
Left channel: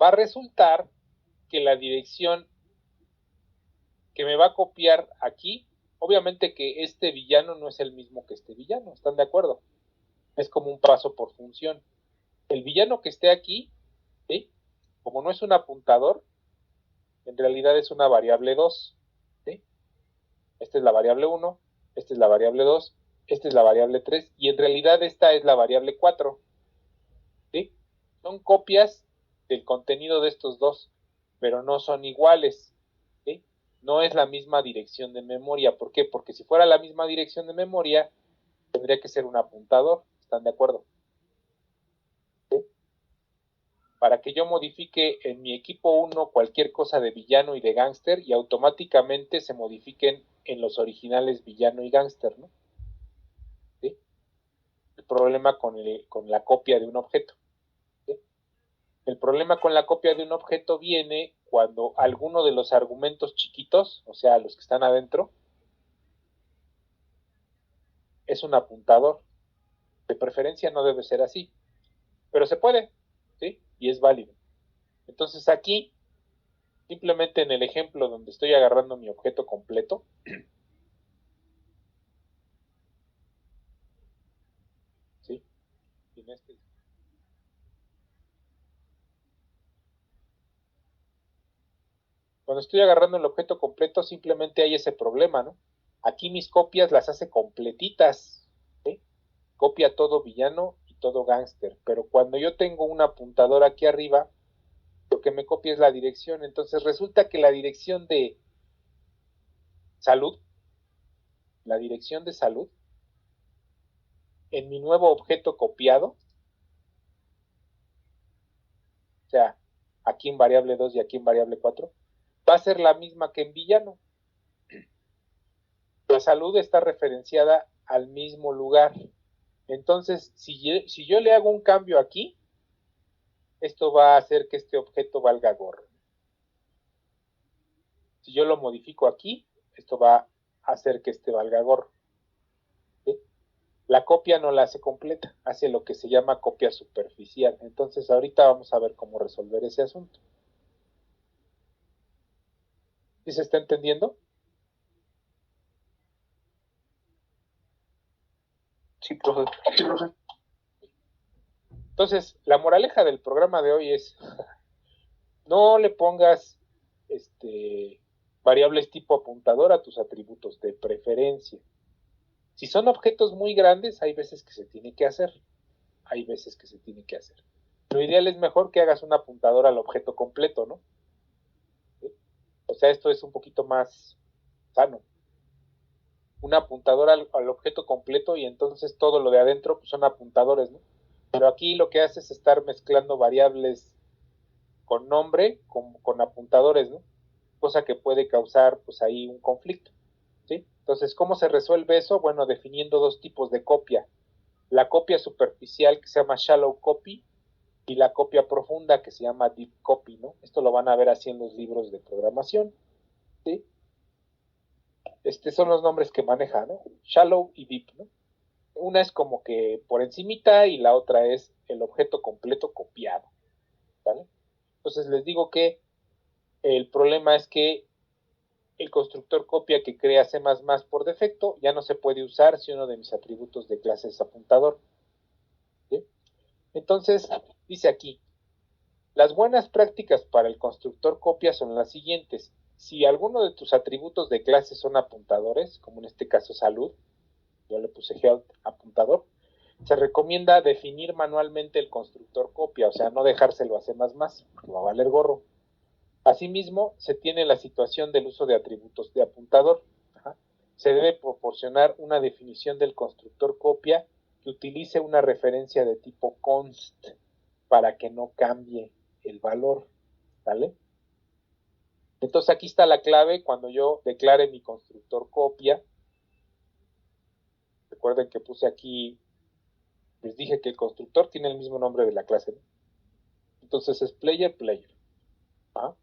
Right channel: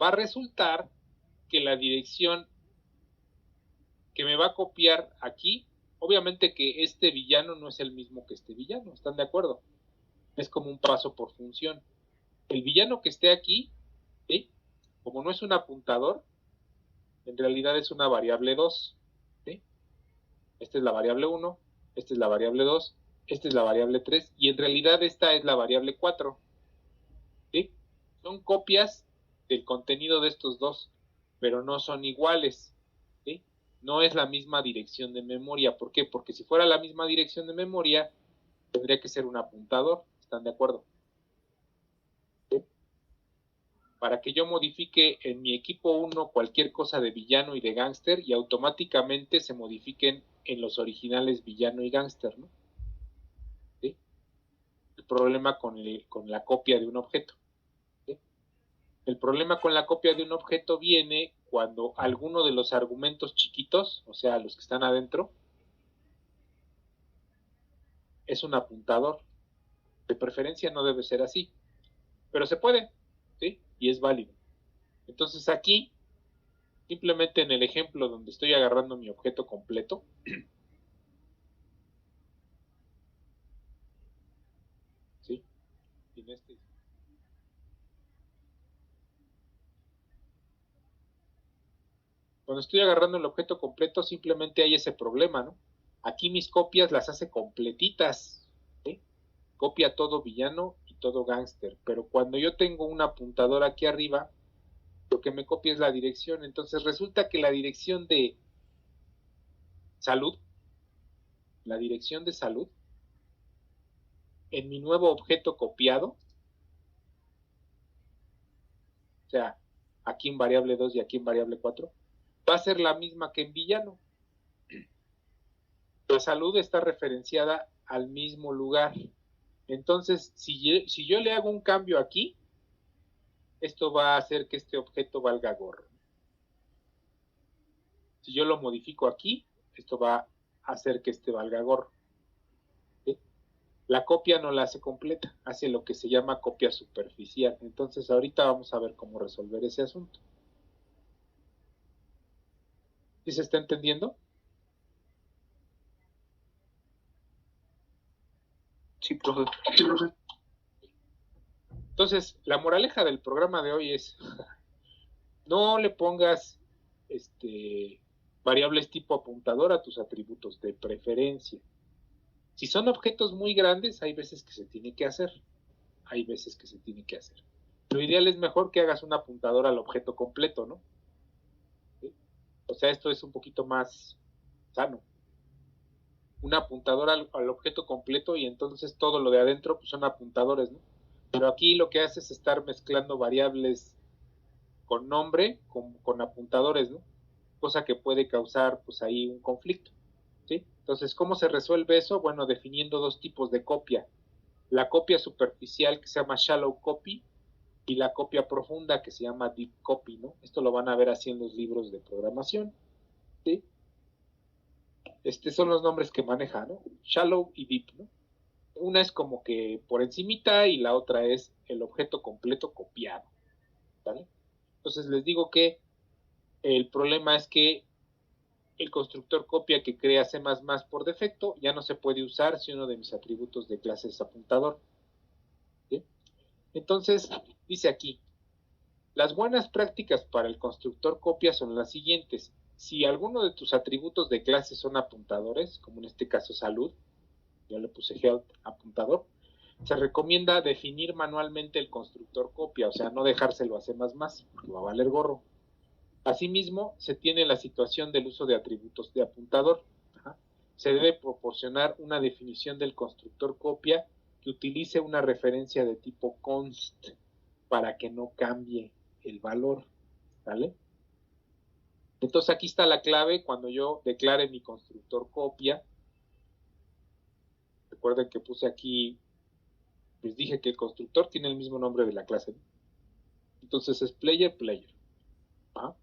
Va a resultar que la dirección que me va a copiar aquí, obviamente que este villano no es el mismo que este villano, ¿están de acuerdo? Es como un paso por función. El villano que esté aquí, ¿sí? Como no es un apuntador, en realidad es una variable 2. ¿Sí? Esta es la variable 1, esta es la variable 2, esta es la variable 3 y en realidad esta es la variable 4. ¿Sí? Son copias del contenido de estos dos, pero no son iguales. ¿Sí? No es la misma dirección de memoria. ¿Por qué? Porque si fuera la misma dirección de memoria, tendría que ser un apuntador. ¿Están de acuerdo? ¿Sí? Para que yo modifique en mi equipo 1 cualquier cosa de villano y de gángster y automáticamente se modifiquen en los originales villano y gángster, ¿no? ¿Sí? El problema con la copia de un objeto. ¿Sí? El problema con la copia de un objeto viene cuando alguno de los argumentos chiquitos, o sea, los que están adentro, es un apuntador. De preferencia no debe ser así, pero se puede, ¿sí? Y es válido. Entonces aquí, simplemente en el ejemplo donde estoy agarrando mi objeto completo, ¿sí? En este, cuando estoy agarrando el objeto completo, simplemente hay ese problema, ¿no? Aquí mis copias las hace completitas, ¿sí? Copia todo villano y todo gángster, pero cuando yo tengo un apuntador aquí arriba, lo que me copia es la dirección, entonces resulta que salud, la dirección de salud, en mi nuevo objeto copiado, o sea, aquí en variable 2 y aquí en variable 4, va a ser la misma que en villano. La salud está referenciada al mismo lugar. Entonces, si yo le hago un cambio aquí, esto va a hacer que este objeto valga gorro. Si yo lo modifico aquí, esto va a hacer que este valga gorro. ¿Sí? La copia no la hace completa, hace lo que se llama copia superficial. Entonces, ahorita vamos a ver cómo resolver ese asunto. ¿Sí se está entendiendo? Sí, profe. Sí, profe. Entonces, la moraleja del programa de hoy es, no le pongas variables tipo apuntador a tus atributos de preferencia. Si son objetos muy grandes, hay veces que se tiene que hacer. Hay veces que se tiene que hacer. Lo ideal es mejor que hagas un apuntador al objeto completo, ¿no? ¿Sí? O sea, esto es un poquito más sano. Un apuntador al objeto completo y entonces todo lo de adentro pues son apuntadores, ¿no? Pero aquí lo que hace es estar mezclando variables con nombre con apuntadores, ¿no? Cosa que puede causar pues ahí un conflicto, ¿sí? Entonces, ¿cómo se resuelve eso? Bueno, definiendo dos tipos de copia. La copia superficial que se llama shallow copy y la copia profunda que se llama deep copy, ¿no? Esto lo van a ver así en los libros de programación, ¿sí? Son los nombres que maneja, ¿no? Shallow y deep, ¿no? Una es como que por encimita y la otra es el objeto completo copiado, ¿vale? Entonces les digo que el problema es que el constructor copia que crea C++ por defecto ya no se puede usar si uno de mis atributos de clase es apuntador, ¿sí? Entonces, dice aquí, las buenas prácticas para el constructor copia son las siguientes. Si alguno de tus atributos de clase son apuntadores, como en este caso salud, yo le puse health apuntador, se recomienda definir manualmente el constructor copia, o sea, no dejárselo a C++, porque va a valer gorro. Asimismo, se tiene la situación del uso de atributos de apuntador. Ajá. Se debe proporcionar una definición del constructor copia que utilice una referencia de tipo const para que no cambie el valor, ¿vale? Entonces aquí está la clave cuando yo declare mi constructor copia. Recuerden que puse aquí, les dije que el constructor tiene el mismo nombre de la clase, ¿no? Entonces es player. ¿Ah?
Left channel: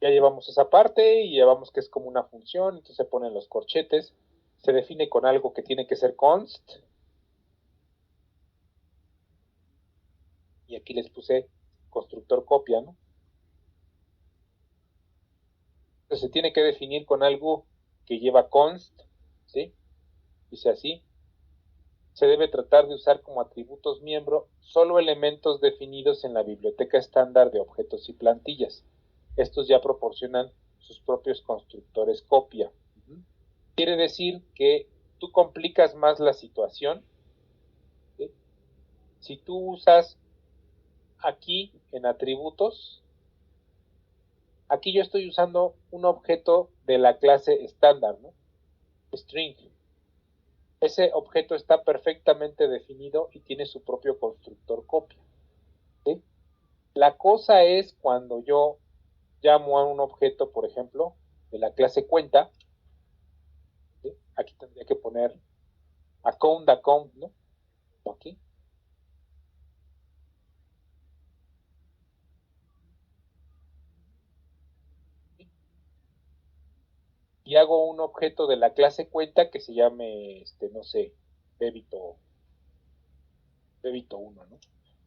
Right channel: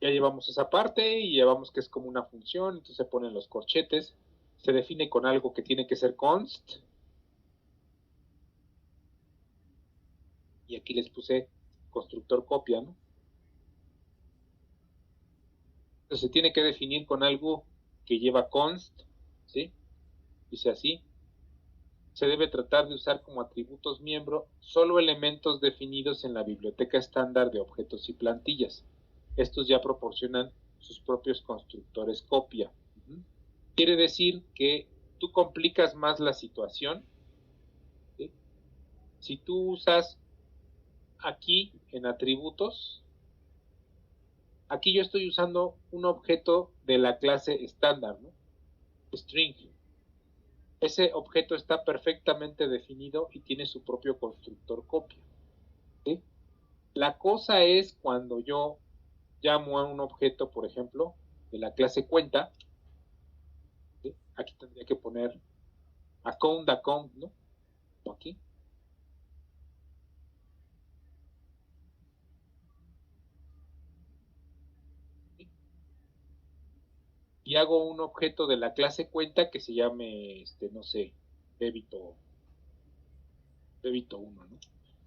Ya llevamos esa parte y llevamos que es como una función, entonces se ponen los corchetes, se define con algo que tiene que ser const, y aquí les puse constructor copia, ¿no? Entonces se tiene que definir con algo que lleva const, ¿sí? Dice así, se debe tratar de usar como atributos miembro solo elementos definidos en la biblioteca estándar de objetos y plantillas. Estos ya proporcionan sus propios constructores copia. Quiere decir que tú complicas más la situación, ¿sí? Si tú usas aquí en atributos, aquí yo estoy usando un objeto de la clase estándar, ¿no? String. Ese objeto está perfectamente definido y tiene su propio constructor copia, ¿sí? La cosa es cuando yo llamo a un objeto, por ejemplo, de la clase cuenta, ¿sí? Aquí tendría que poner account, ¿no? Aquí. ¿Sí? Y hago un objeto de la clase cuenta que se llame, no sé, débito 1, ¿no?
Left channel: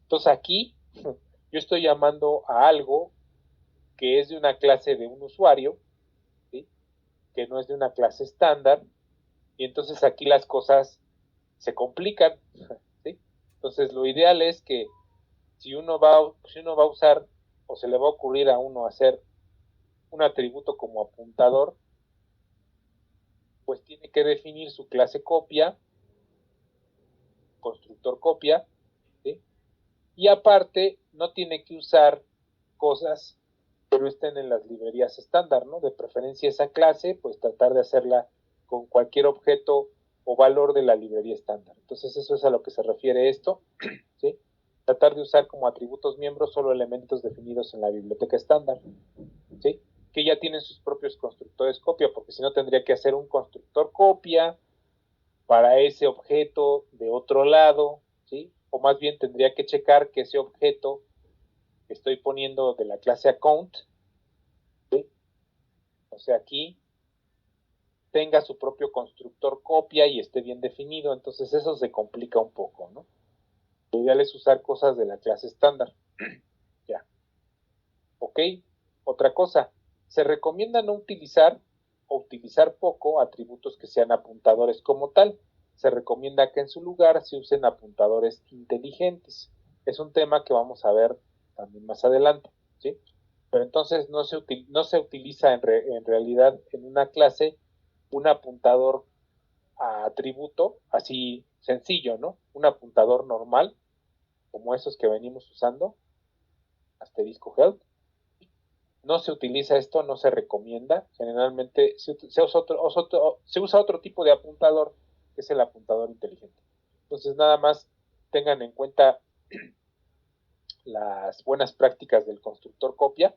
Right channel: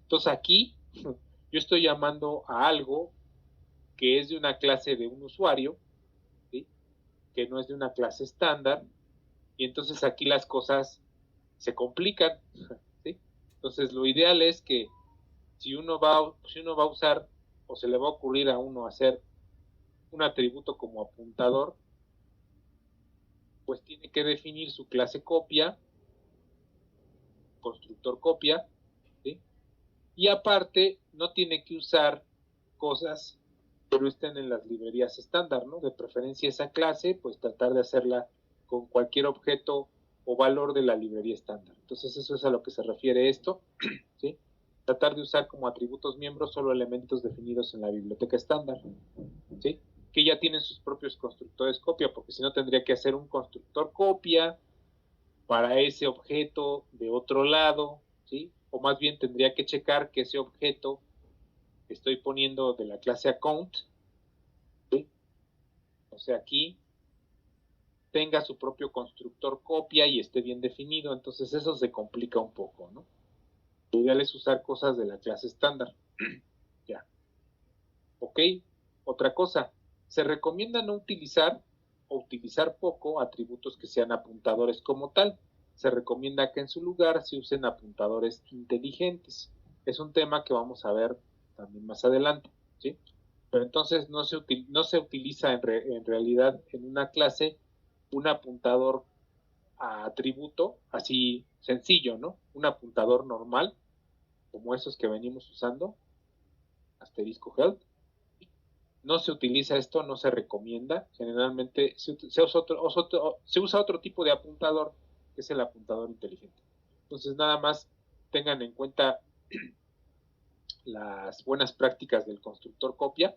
Entonces aquí yo estoy llamando a algo que es de una clase de un usuario, ¿sí? Que no es de una clase estándar, y entonces aquí las cosas se complican, ¿sí? Entonces lo ideal es que si uno va a usar o se le va a ocurrir a uno hacer un atributo como apuntador, pues tiene que definir su clase copia, constructor copia, ¿sí? Y aparte no tiene que usar cosas que no estén en las librerías estándar, ¿no? De preferencia esa clase, pues tratar de hacerla con cualquier objeto o valor de la librería estándar. Entonces eso es a lo que se refiere esto, ¿sí? Tratar de usar como atributos miembros solo elementos definidos en la biblioteca estándar, ¿sí? Que ya tienen sus propios constructores copia, porque si no tendría que hacer un constructor copia para ese objeto de otro lado, ¿sí? O más bien tendría que checar que ese objeto que estoy poniendo de la clase account, ¿sí? O sea, aquí tenga su propio constructor copia y esté bien definido, entonces eso se complica un poco, ¿no? Lo ideal es usar cosas de la clase estándar. Ya. Ok, otra cosa, se recomienda no utilizar o utilizar poco atributos que sean apuntadores como tal. Se recomienda que en su lugar se usen apuntadores inteligentes. Es un tema que vamos a ver también más adelante, ¿sí? Pero entonces no se utiliza en realidad en una clase un apuntador a atributo así sencillo, ¿no? Un apuntador normal, como esos que venimos usando, asterisco health. No se utiliza esto, no se recomienda. Generalmente se usa otro tipo de apuntador, que es el apuntador inteligente. Entonces, nada más tengan en cuenta las buenas prácticas del constructor copia.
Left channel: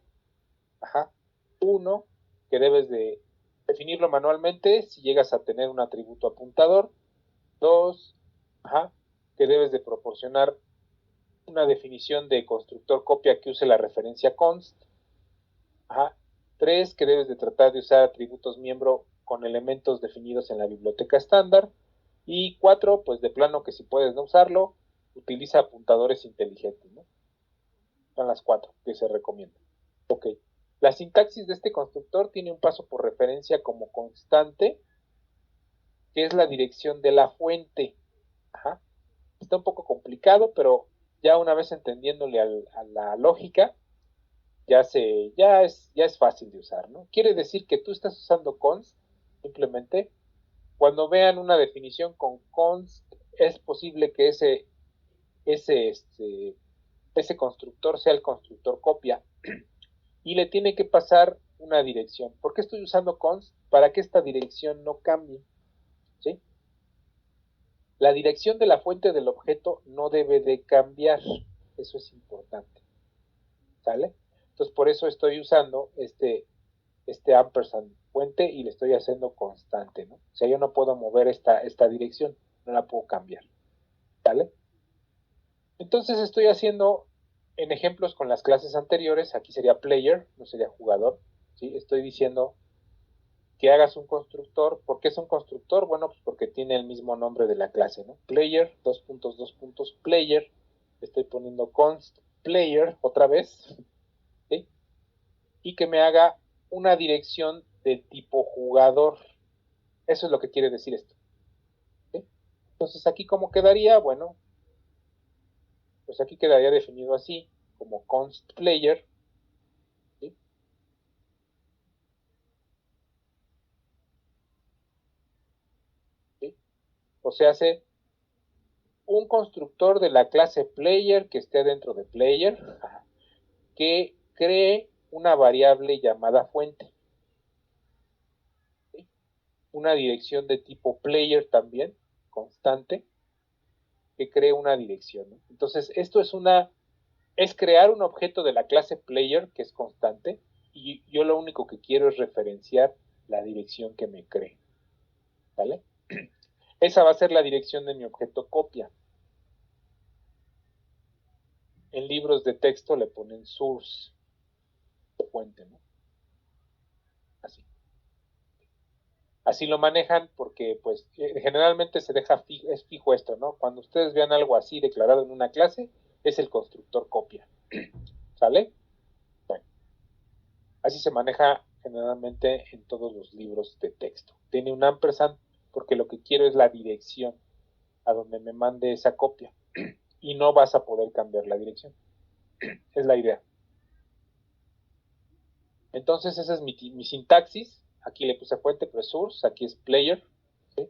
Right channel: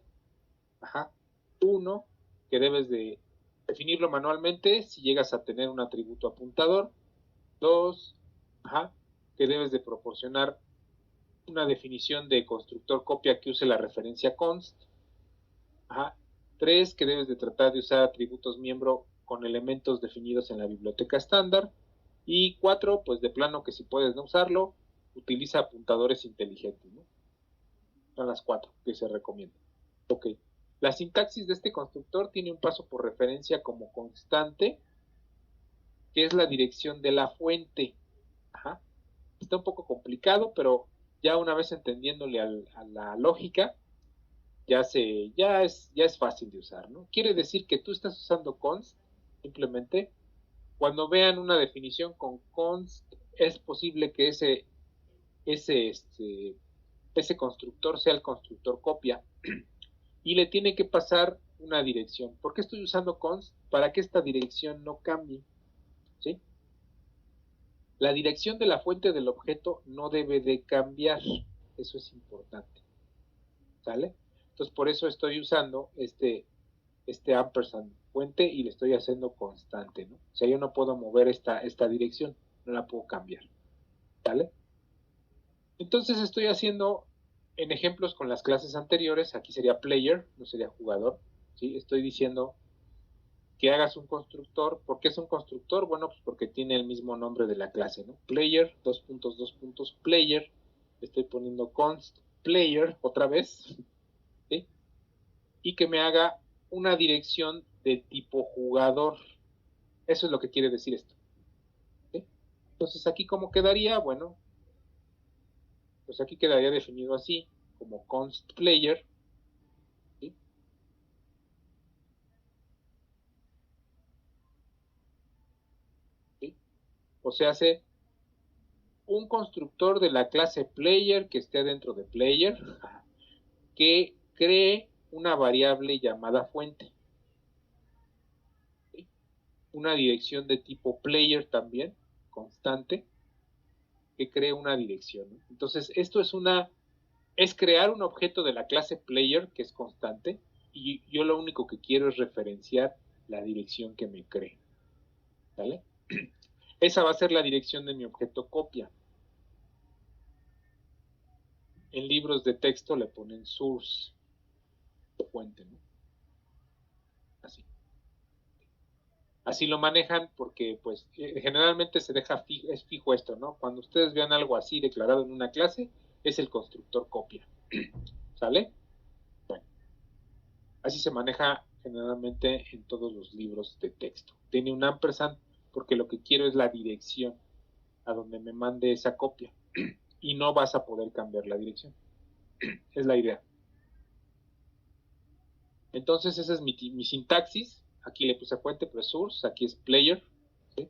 Ajá. Uno, que debes de definirlo manualmente si llegas a tener un atributo apuntador. Dos, ajá, que debes de proporcionar una definición de constructor copia que use la referencia const. Ajá. Tres, que debes de tratar de usar atributos miembro con elementos definidos en la biblioteca estándar. Y cuatro, pues de plano que si puedes no usarlo, utiliza apuntadores inteligentes, ¿no? Son las cuatro que se recomiendan. Ok. La sintaxis de este constructor tiene un paso por referencia como constante, que es la dirección de la fuente. Ajá. Está un poco complicado, pero ya una vez entendiéndole a la lógica, ya es fácil de usar, ¿no? Quiere decir que tú estás usando const, simplemente, cuando vean una definición con const, es posible que ese, este, ese constructor sea el constructor copia y le tiene que pasar una dirección. ¿Por qué estoy usando const? Para que esta dirección no cambie, ¿sí? La dirección de la fuente del objeto no debe de cambiar, eso es importante, ¿sale? Entonces por eso estoy usando este ampersand fuente y le estoy haciendo constante, ¿no? O sea, yo no puedo mover esta dirección, no la puedo cambiar, ¿vale? Entonces estoy haciendo en ejemplos con las clases anteriores, aquí sería player, no sería jugador, ¿sí? Estoy diciendo que hagas un constructor. ¿Por qué es un constructor? Bueno, pues porque tiene el mismo nombre de la clase, ¿no? Player, player, estoy poniendo const player otra vez, ¿sí? Y que me haga una dirección de tipo jugador. Eso es lo que quiere decir esto, ¿sí? Entonces aquí cómo quedaría, bueno, pues aquí quedaría definido así, como const player, ¿sí? ¿Sí? O sea, hace un constructor de la clase player que esté dentro de player, que cree una variable llamada fuente, ¿sí? Una dirección de tipo player también, constante, que cree una dirección, ¿no? Entonces, es crear un objeto de la clase player que es constante y yo lo único que quiero es referenciar la dirección que me cree, ¿vale? Esa va a ser la dirección de mi objeto copia. En libros de texto le ponen source, fuente, ¿no? Así. Así lo manejan porque pues generalmente se deja es fijo esto, ¿no? Cuando ustedes vean algo así declarado en una clase, es el constructor copia. ¿Sale? Bueno, así se maneja generalmente en todos los libros de texto. Tiene un ampersand porque lo que quiero es la dirección a donde me mande esa copia y no vas a poder cambiar la dirección. Es la idea. Entonces esa es mi sintaxis. Aquí le puse fuente, pues source, aquí es player, ¿sí?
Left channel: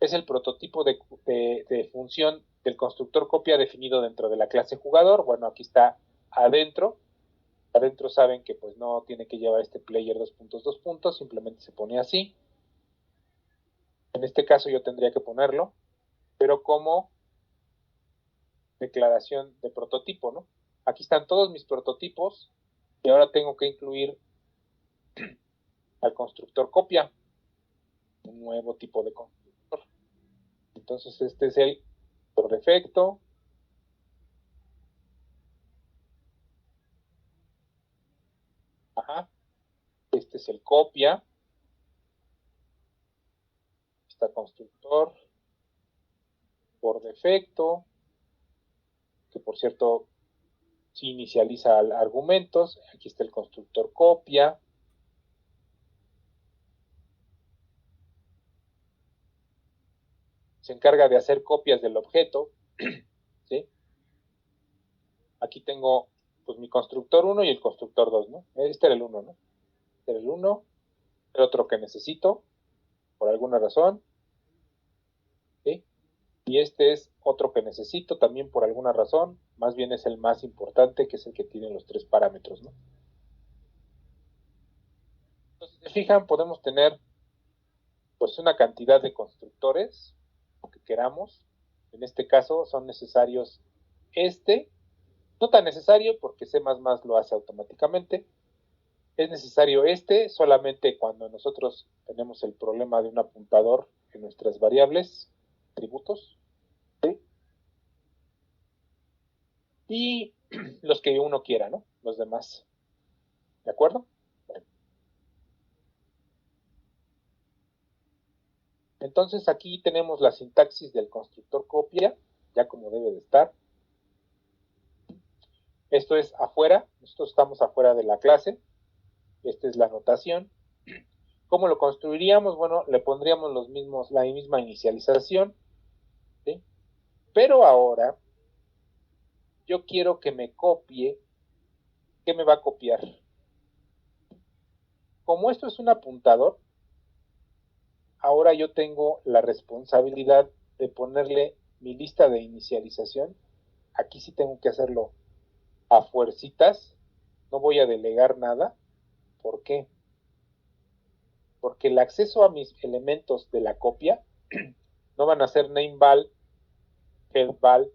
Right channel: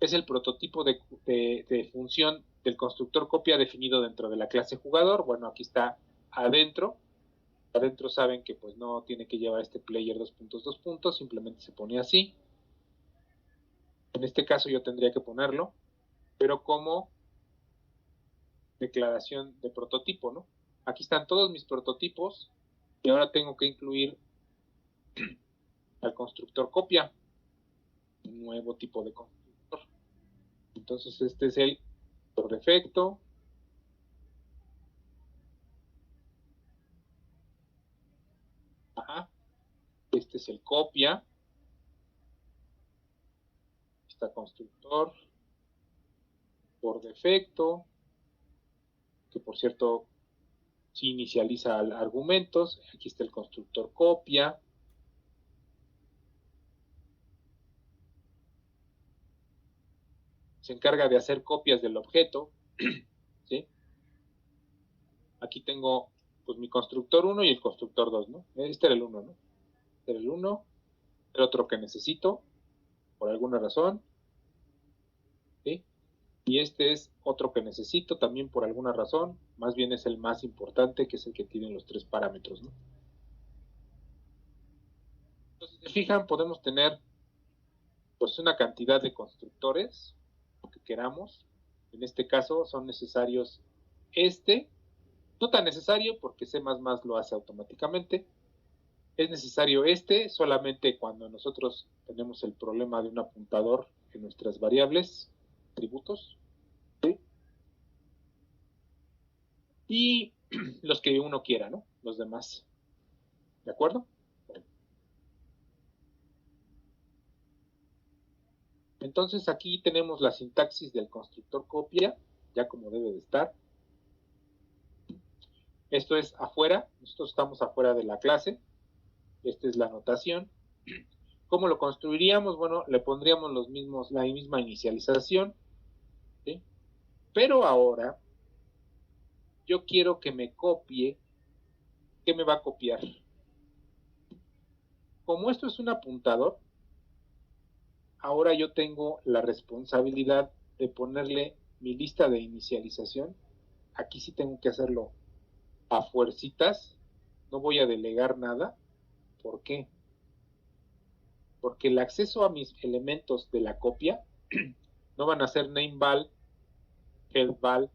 Es el prototipo de función del constructor copia definido dentro de la clase jugador. Bueno, aquí está adentro. Adentro saben que pues no tiene que llevar este player dos puntos, simplemente se pone así. En este caso yo tendría que ponerlo, pero como declaración de prototipo, ¿no? Aquí están todos mis prototipos y ahora tengo que incluir al constructor copia, un nuevo tipo de constructor. Entonces este es el por defecto. Ajá. Este es el copia. Está constructor por defecto, que por cierto si inicializa argumentos. Aquí está el constructor copia. Se encarga de hacer copias del objeto, ¿sí? Aquí tengo pues mi constructor 1 y el constructor 2, ¿no? Este era el 1, ¿no? Este era el 1, el otro que necesito, por alguna razón, ¿sí? Y este es otro que necesito también por alguna razón, más bien es el más importante, que es el que tiene los 3 parámetros, ¿no? Entonces, si se fijan, podemos tener pues una cantidad de constructores que queramos. En este caso son necesarios no tan necesario porque C++ lo hace automáticamente. Es necesario solamente cuando nosotros tenemos el problema de un apuntador en nuestras variables, atributos, ¿sí? Y los que uno quiera, ¿no? Los demás. ¿De acuerdo? Bueno. Entonces aquí tenemos la sintaxis del constructor copia, ya como debe de estar. Esto es afuera, nosotros estamos afuera de la clase. Esta es la notación. ¿Cómo lo construiríamos? Bueno, le pondríamos la misma inicialización, ¿sí? Pero ahora yo quiero que me copie. ¿Qué me va a copiar? Como esto es un apuntador, ahora yo tengo la responsabilidad de ponerle mi lista de inicialización. Aquí sí tengo que hacerlo a fuercitas. No voy a delegar nada. ¿Por qué? Porque el acceso a mis elementos de la copia no van a ser nameval, headval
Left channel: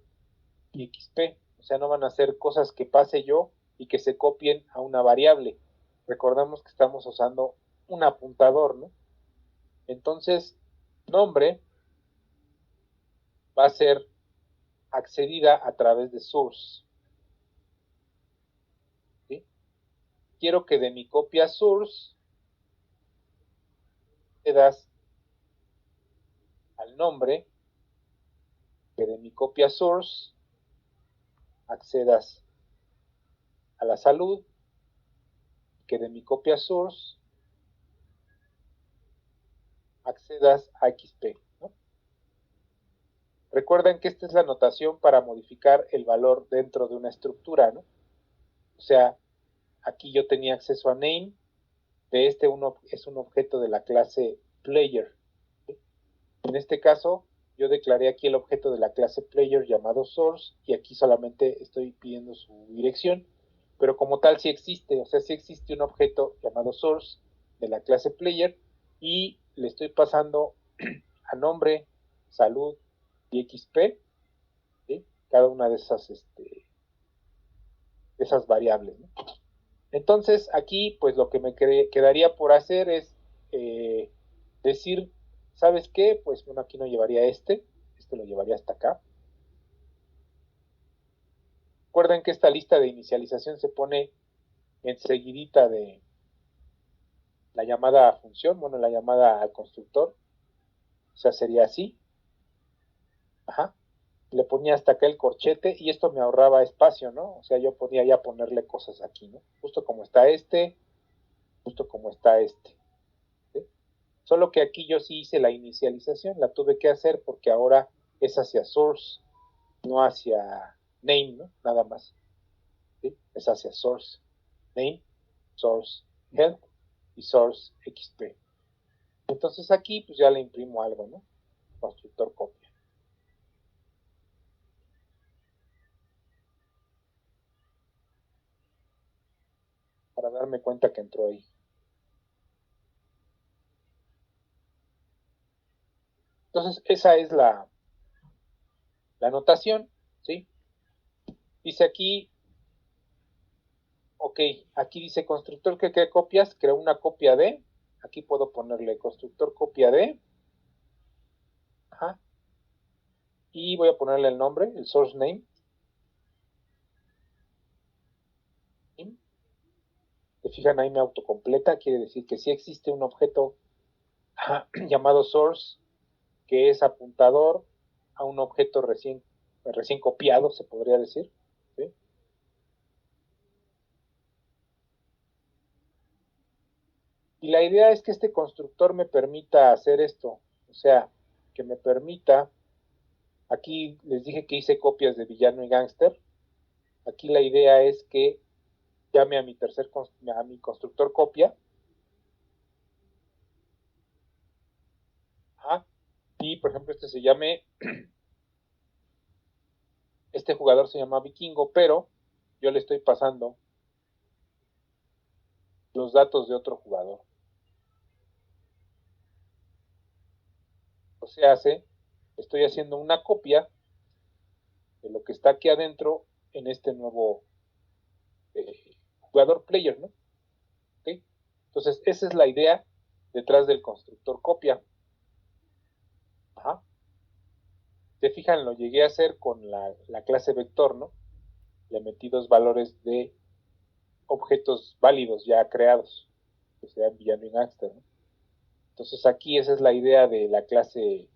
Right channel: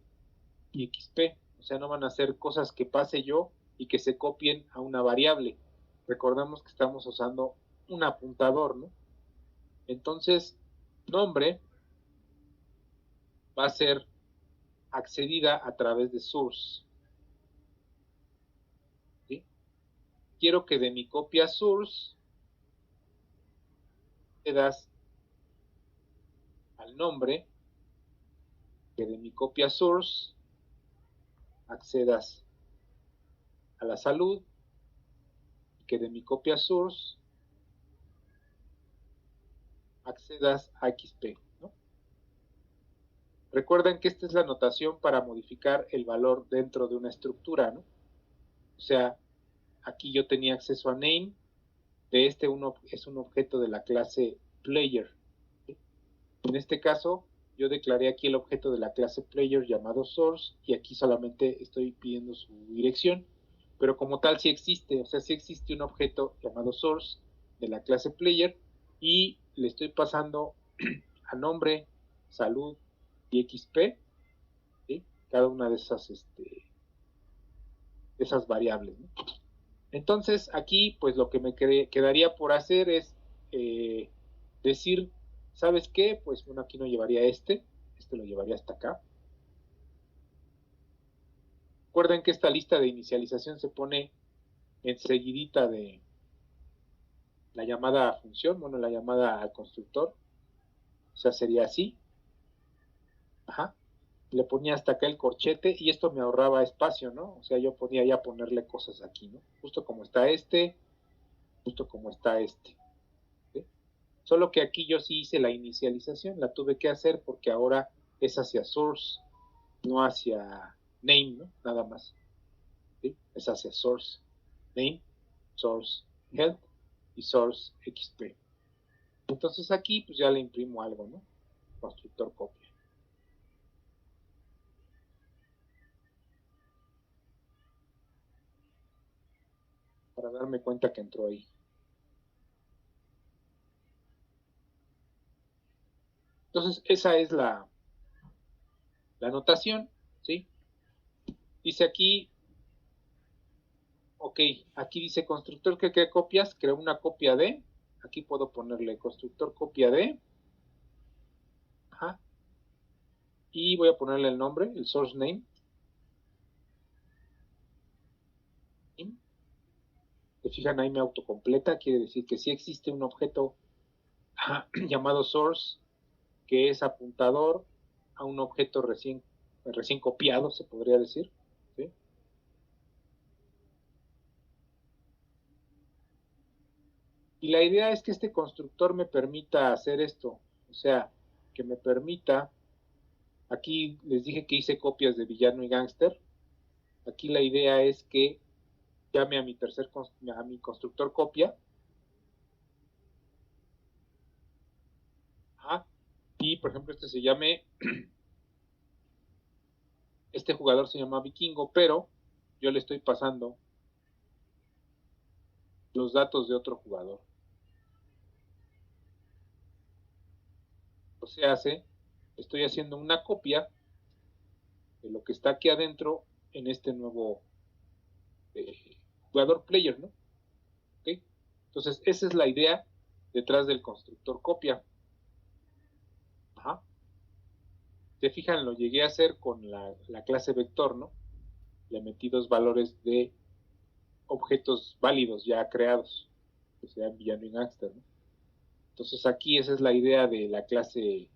y xp. O sea, no van a ser cosas que pase yo y que se copien a una variable. Recordemos que estamos usando un apuntador, ¿no? Entonces, nombre va a ser accedida a través de source, ¿sí? Quiero que de mi copia source accedas al nombre, que de mi copia source accedas a la salud, que de mi copia source accedas a XP, ¿no? Recuerden que esta es la notación para modificar el valor dentro de una estructura, ¿no? O sea, aquí yo tenía acceso a name, de este uno es un objeto de la clase player, ¿sí? En este caso, yo declaré aquí el objeto de la clase player llamado source y aquí solamente estoy pidiendo su dirección, pero como tal sí existe, o sea, sí existe un objeto llamado source de la clase player y le estoy pasando a nombre, salud y XP, ¿sí? Cada una de esas variables, ¿no? Entonces aquí pues lo que me quedaría por hacer es decir, ¿sabes qué? Pues bueno, aquí no llevaría este lo llevaría hasta acá. Recuerden que esta lista de inicialización se pone enseguidita de la llamada a función, bueno, la llamada al constructor, o sea, sería así. Ajá. Le ponía hasta acá el corchete y esto me ahorraba espacio, ¿no? O sea, yo podía ya ponerle cosas aquí, ¿no? Justo como está justo como está ¿sí? Solo que aquí yo sí hice la inicialización, la tuve que hacer porque ahora es hacia source, no hacia name, ¿no? Nada más, ¿sí? Es hacia source, name, source health y source XP. Entonces aquí pues ya le imprimo algo, ¿no? Constructor copia. Para darme cuenta que entró ahí. Entonces esa es la notación, ¿sí? Dice aquí, ok, aquí dice constructor que copias, crea una copia de, aquí puedo ponerle constructor copia de, ajá, y voy a ponerle el nombre, el source name. Se fijan ahí me autocompleta, quiere decir que sí existe un objeto llamado source que es apuntador a un objeto recién copiado, se podría decir, ¿sí? Y la idea es que este constructor me permita hacer esto, o sea, que me permita, aquí les dije que hice copias de villano y gángster, aquí la idea es que llame a mi a mi constructor copia. Ajá. Y por ejemplo este se llame, este jugador se llama Vikingo, pero yo le estoy pasando los datos de otro jugador. O sea, estoy haciendo una copia de lo que está aquí adentro en este nuevo jugador player, ¿no? ¿Okay? Entonces, esa es la idea detrás del constructor copia. Ajá. Se fijan, lo llegué a hacer con la clase vector, ¿no? Le metí dos valores de objetos válidos ya creados, que sean villano y gangster, ¿no? Entonces aquí esa es la idea de la clase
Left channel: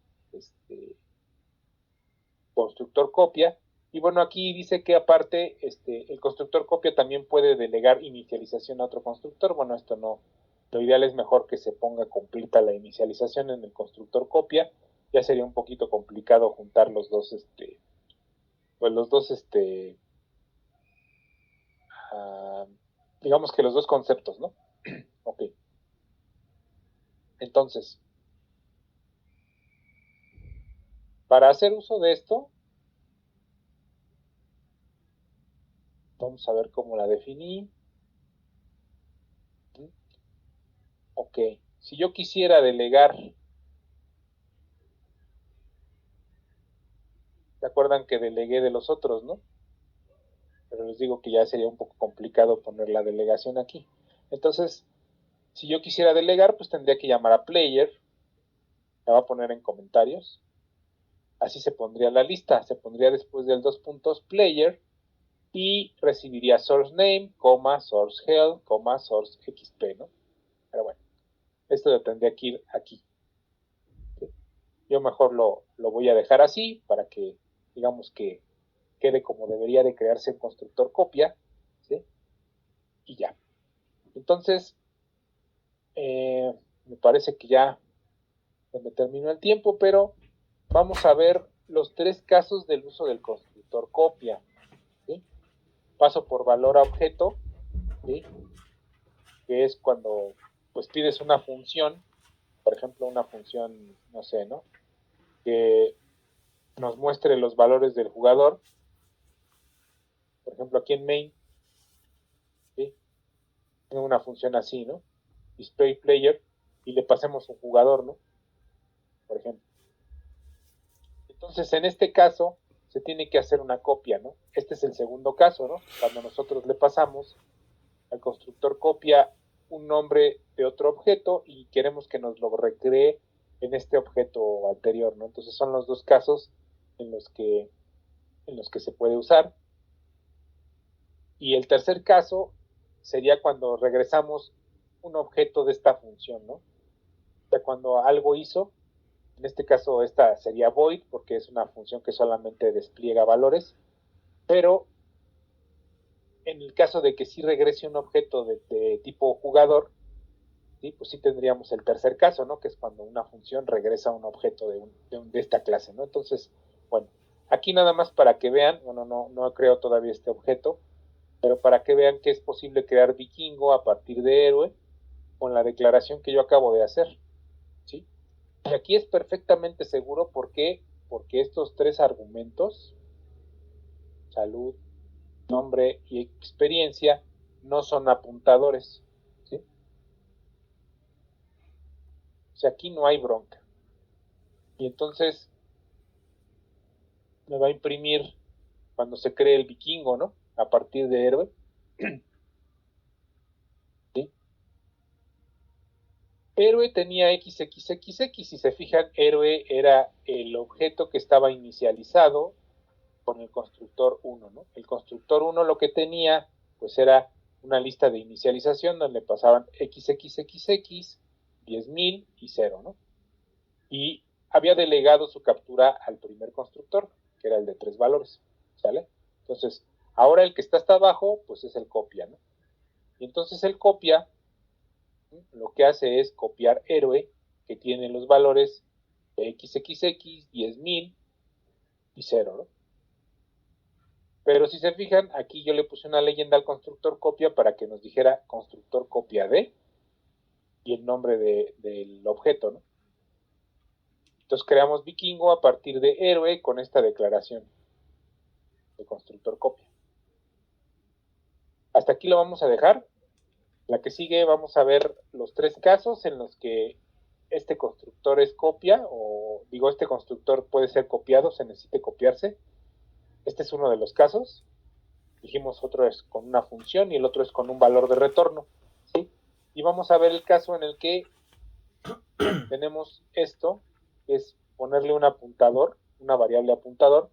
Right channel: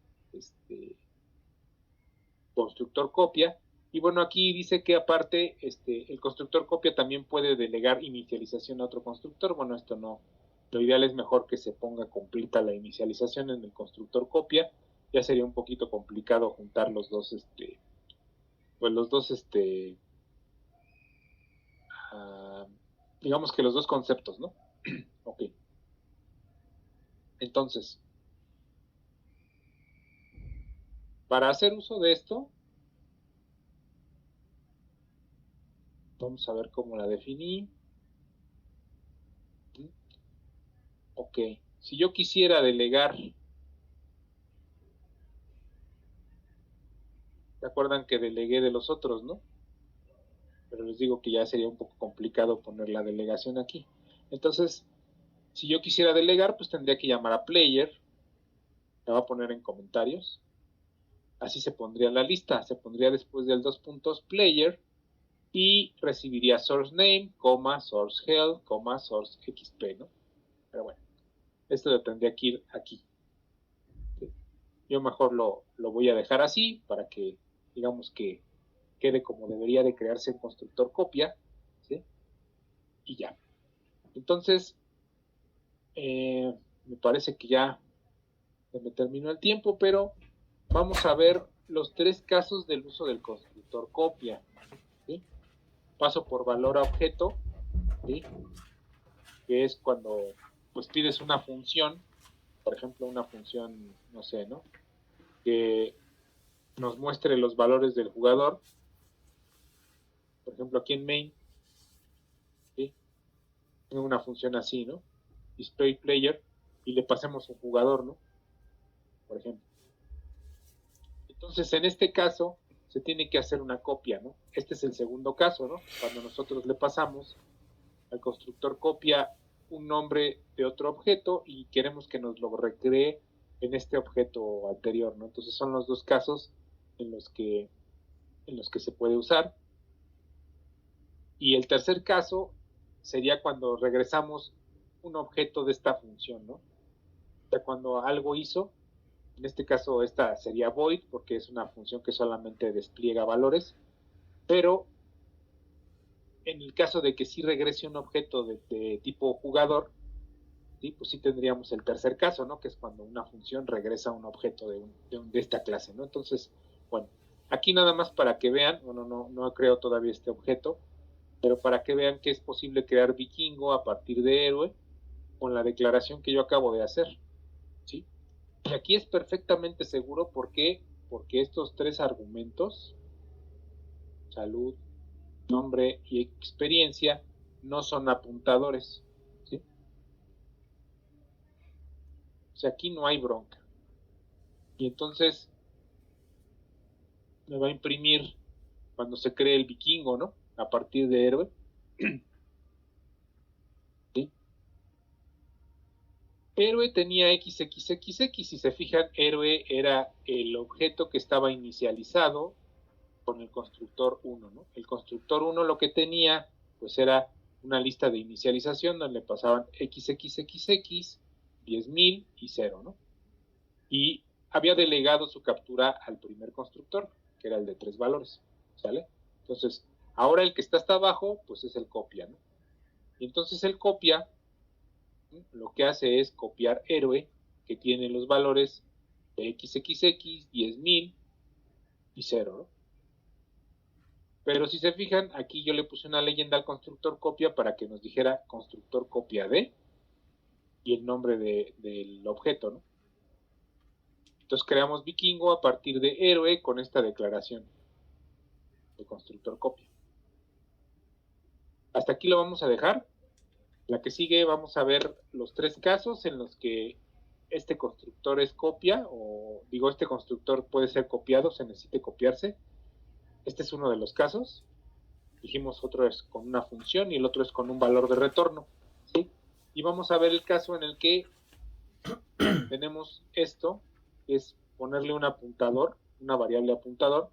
constructor copia. Y bueno, aquí dice que aparte el constructor copia también puede delegar inicialización a otro constructor. Bueno, esto no, lo ideal es mejor que se ponga completa la inicialización en el constructor copia. Ya sería un poquito complicado juntar los dos, pues los dos, digamos que los dos conceptos, ¿no? Ok. Entonces, para hacer uso de esto, vamos a ver cómo la definí. Ok, si yo quisiera delegar, ¿se acuerdan que delegué de los otros, no? Pero les digo que ya sería un poco complicado poner la delegación aquí. Entonces, si yo quisiera delegar, pues tendría que llamar a player, la va a poner en comentarios, así se pondría la lista, se pondría después del dos puntos player y recibiría source name, source health, source xp, ¿no? Pero bueno, esto lo tendría que ir aquí. ¿Sí? Yo mejor lo voy a dejar así para que, digamos que quede como debería de crearse en constructor copia, ¿sí? Y ya. Entonces, me parece que ya se me terminó el tiempo, pero vamos a ver los tres casos del uso del constructor copia. ¿Sí? Paso por valor a objeto, ¿sí? Que es cuando pues pides una función, por ejemplo una función, no sé, ¿no? Que nos muestre los valores del jugador, por ejemplo aquí en main, ¿sí? Tengo una función así, ¿no? Display player y le pasemos un jugador, ¿no? Por ejemplo. Entonces, en este caso, se tiene que hacer una copia, ¿no? Este es el segundo caso, ¿no? Cuando nosotros le pasamos al constructor copia un nombre de otro objeto y queremos que nos lo recree en este objeto anterior, ¿no? Entonces son los dos casos en los que se puede usar. Y el tercer caso sería cuando regresamos un objeto de esta función, ¿no? O sea, cuando algo hizo, en este caso esta sería void porque es una función que solamente despliega valores, pero en el caso de que sí regrese un objeto de tipo jugador, ¿sí? Pues sí tendríamos el tercer caso, ¿no? Que es cuando una función regresa un objeto de esta clase, ¿no? Entonces, bueno, aquí nada más para que vean, bueno, no creo todavía este objeto, pero para que vean que es posible crear vikingo a partir de héroe con la declaración que yo acabo de hacer, ¿sí? Y aquí es perfectamente seguro porque estos tres argumentos, salud, nombre y experiencia, no son apuntadores, ¿sí? O sea, aquí no hay bronca. Y entonces me va a imprimir cuando se cree el vikingo, ¿no? A partir de héroe. ¿Sí? Héroe tenía XXXX, si se fijan, héroe era el objeto que estaba inicializado con el constructor 1, ¿no? El constructor 1 lo que tenía, pues era una lista de inicialización donde pasaban XXXX, 10.000 y 0, ¿no? Y había delegado su captura al primer constructor, que era el de 3 valores, ¿sale? Entonces, ahora el que está hasta abajo, pues es el copia, ¿no? Y entonces el copia lo que hace es copiar héroe, que tiene los valores de XXX, 10.000 y 0, ¿no? Pero si se fijan, aquí yo le puse una leyenda al constructor copia para que nos dijera constructor copia de y el nombre del objeto, ¿no? Entonces creamos vikingo a partir de héroe con esta declaración de constructor copia. Hasta aquí lo vamos a dejar. La que sigue vamos a ver los 3 casos en los que este constructor es copia, o digo, este constructor puede ser copiado, se necesite copiarse. Este es uno de los casos. Dijimos otro es con una función y el otro es con un valor de retorno, ¿sí? Y vamos a ver el caso en el que tenemos esto, que es ponerle un apuntador, una variable apuntador.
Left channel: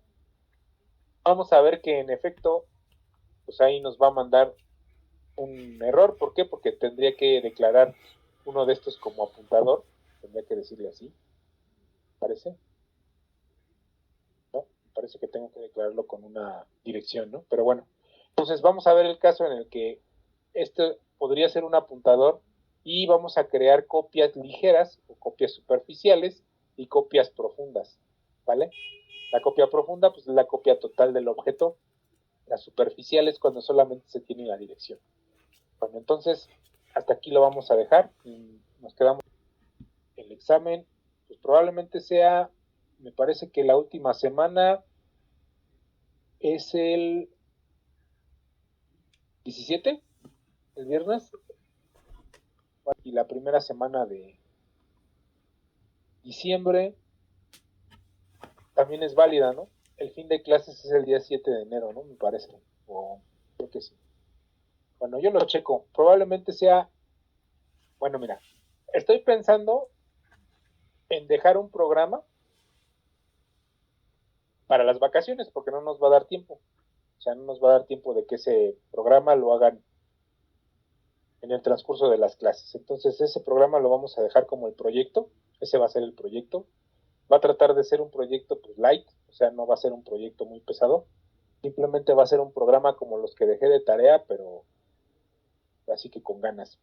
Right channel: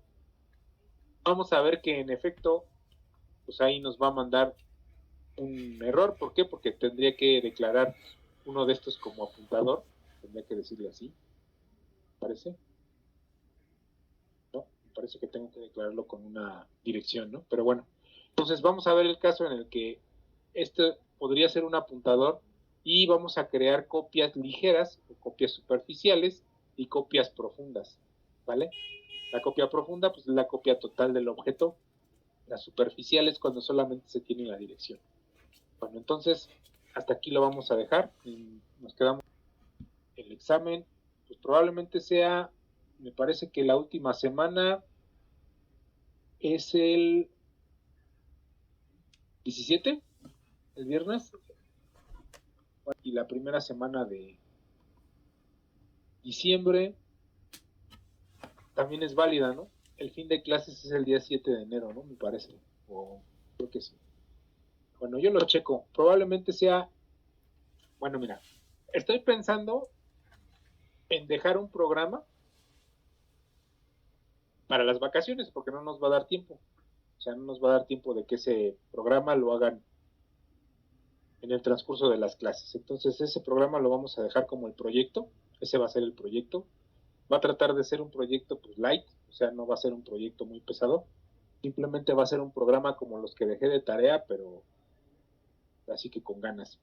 Vamos a ver que en efecto, pues ahí nos va a mandar un error. ¿Por qué? Porque tendría que declarar uno de estos como apuntador, tendría que decirle así, ¿parece? No, me parece que tengo que declararlo con una dirección, ¿no? Pero bueno, entonces vamos a ver el caso en el que este podría ser un apuntador y vamos a crear copias ligeras o copias superficiales y copias profundas, ¿vale? La copia profunda pues es la copia total del objeto, la superficial es cuando solamente se tiene la dirección. Bueno, entonces hasta aquí lo vamos a dejar y nos quedamos. El examen pues probablemente sea, me parece que la última semana es el 17, el viernes, y la primera semana de diciembre también es válida, ¿no? El fin de clases es el día 7 de enero, ¿no? Me parece, o creo que sí. Bueno, yo lo checo, probablemente sea, bueno, mira, estoy pensando en dejar un programa para las vacaciones, porque no nos va a dar tiempo, o sea, no nos va a dar tiempo de que ese programa lo hagan en el transcurso de las clases. Entonces ese programa lo vamos a dejar como el proyecto, ese va a ser el proyecto. Va a tratar de ser un proyecto pues light, o sea, no va a ser un proyecto muy pesado. Simplemente va a ser un programa como los que dejé de tarea, pero así que con ganas.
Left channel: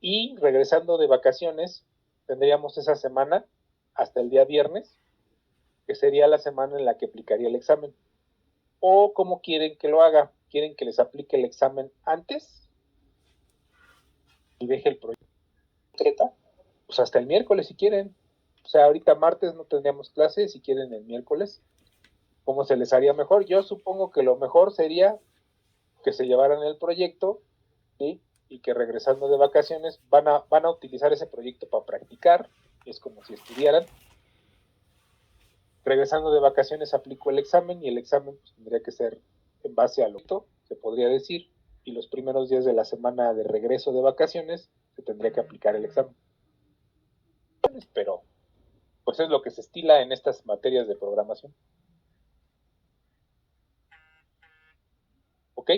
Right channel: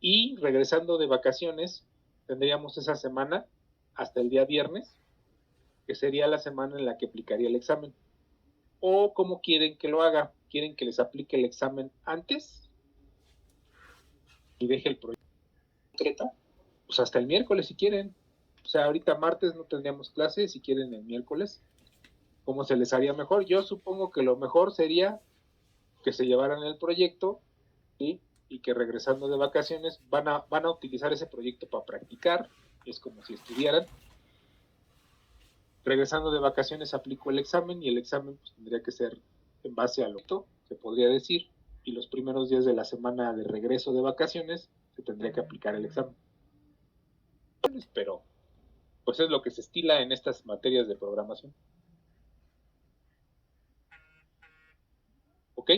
Y regresando de vacaciones, tendríamos esa semana hasta el día viernes, que sería la semana en la que aplicaría el examen. O cómo quieren que lo haga, quieren que les aplique el examen antes y deje el proyecto, pues hasta el miércoles si quieren. O sea, ahorita martes no tendríamos clases, si quieren el miércoles, ¿cómo se les haría mejor? Yo supongo que lo mejor sería que se llevaran el proyecto, ¿sí? Y que regresando de vacaciones van a utilizar ese proyecto para practicar, es como si estudiaran. Regresando de vacaciones aplico el examen y el examen pues, tendría que ser en base a lo que se podría decir, y los primeros días de la semana de regreso de vacaciones se tendría que aplicar el examen. Pero pues es lo que se estila en estas materias de programación. ¿Ok?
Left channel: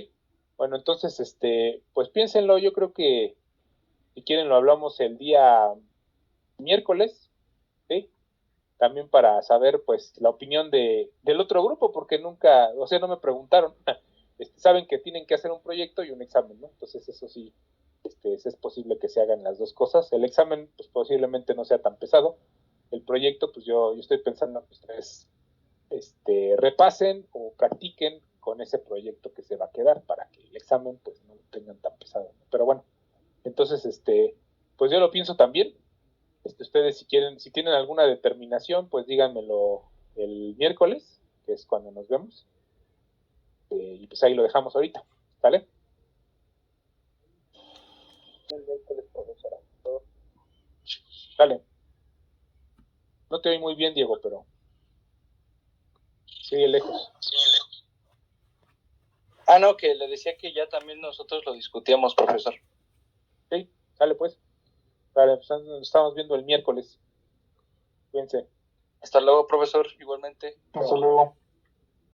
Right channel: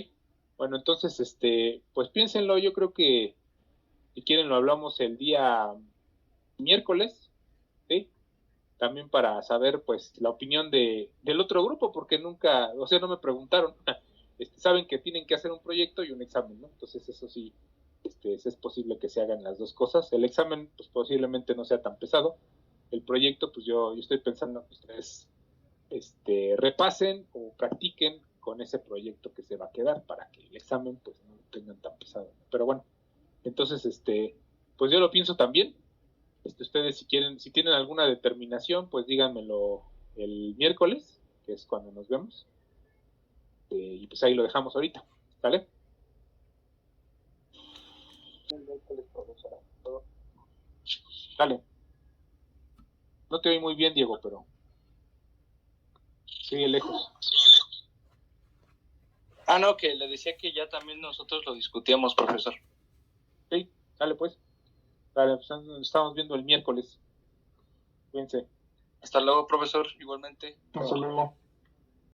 Bueno, entonces, pues piénsenlo, yo creo que si quieren lo hablamos el día miércoles, ¿sí? También para saber, pues, la opinión del otro grupo, porque nunca, o sea, no me preguntaron. Saben que tienen que hacer un proyecto y un examen, ¿no? Entonces, eso sí, es posible que se hagan las dos cosas. El examen, pues, posiblemente no sea tan pesado. El proyecto, pues, yo estoy pensando que ustedes, repasen o practiquen con ese proyecto que se va a quedar para que el examen, pues, no lo tengan tan pesado, ¿no? Pero bueno, entonces, pues yo lo pienso también. Ustedes si quieren, si tienen alguna determinación, pues díganmelo el miércoles, que es cuando nos vemos. Y pues ahí lo dejamos ahorita, ¿vale? El miércoles, profesora. Dale. No te oí muy bien, Diego, pero sigue lejos. Ah, no, que le decía que ya también nosotros lo discutíamos, profesor. Sí, dale pues. Dale, pues nos estamos viendo el miércoles. Cuídense. Hasta luego, profesor, igualmente. Hasta luego.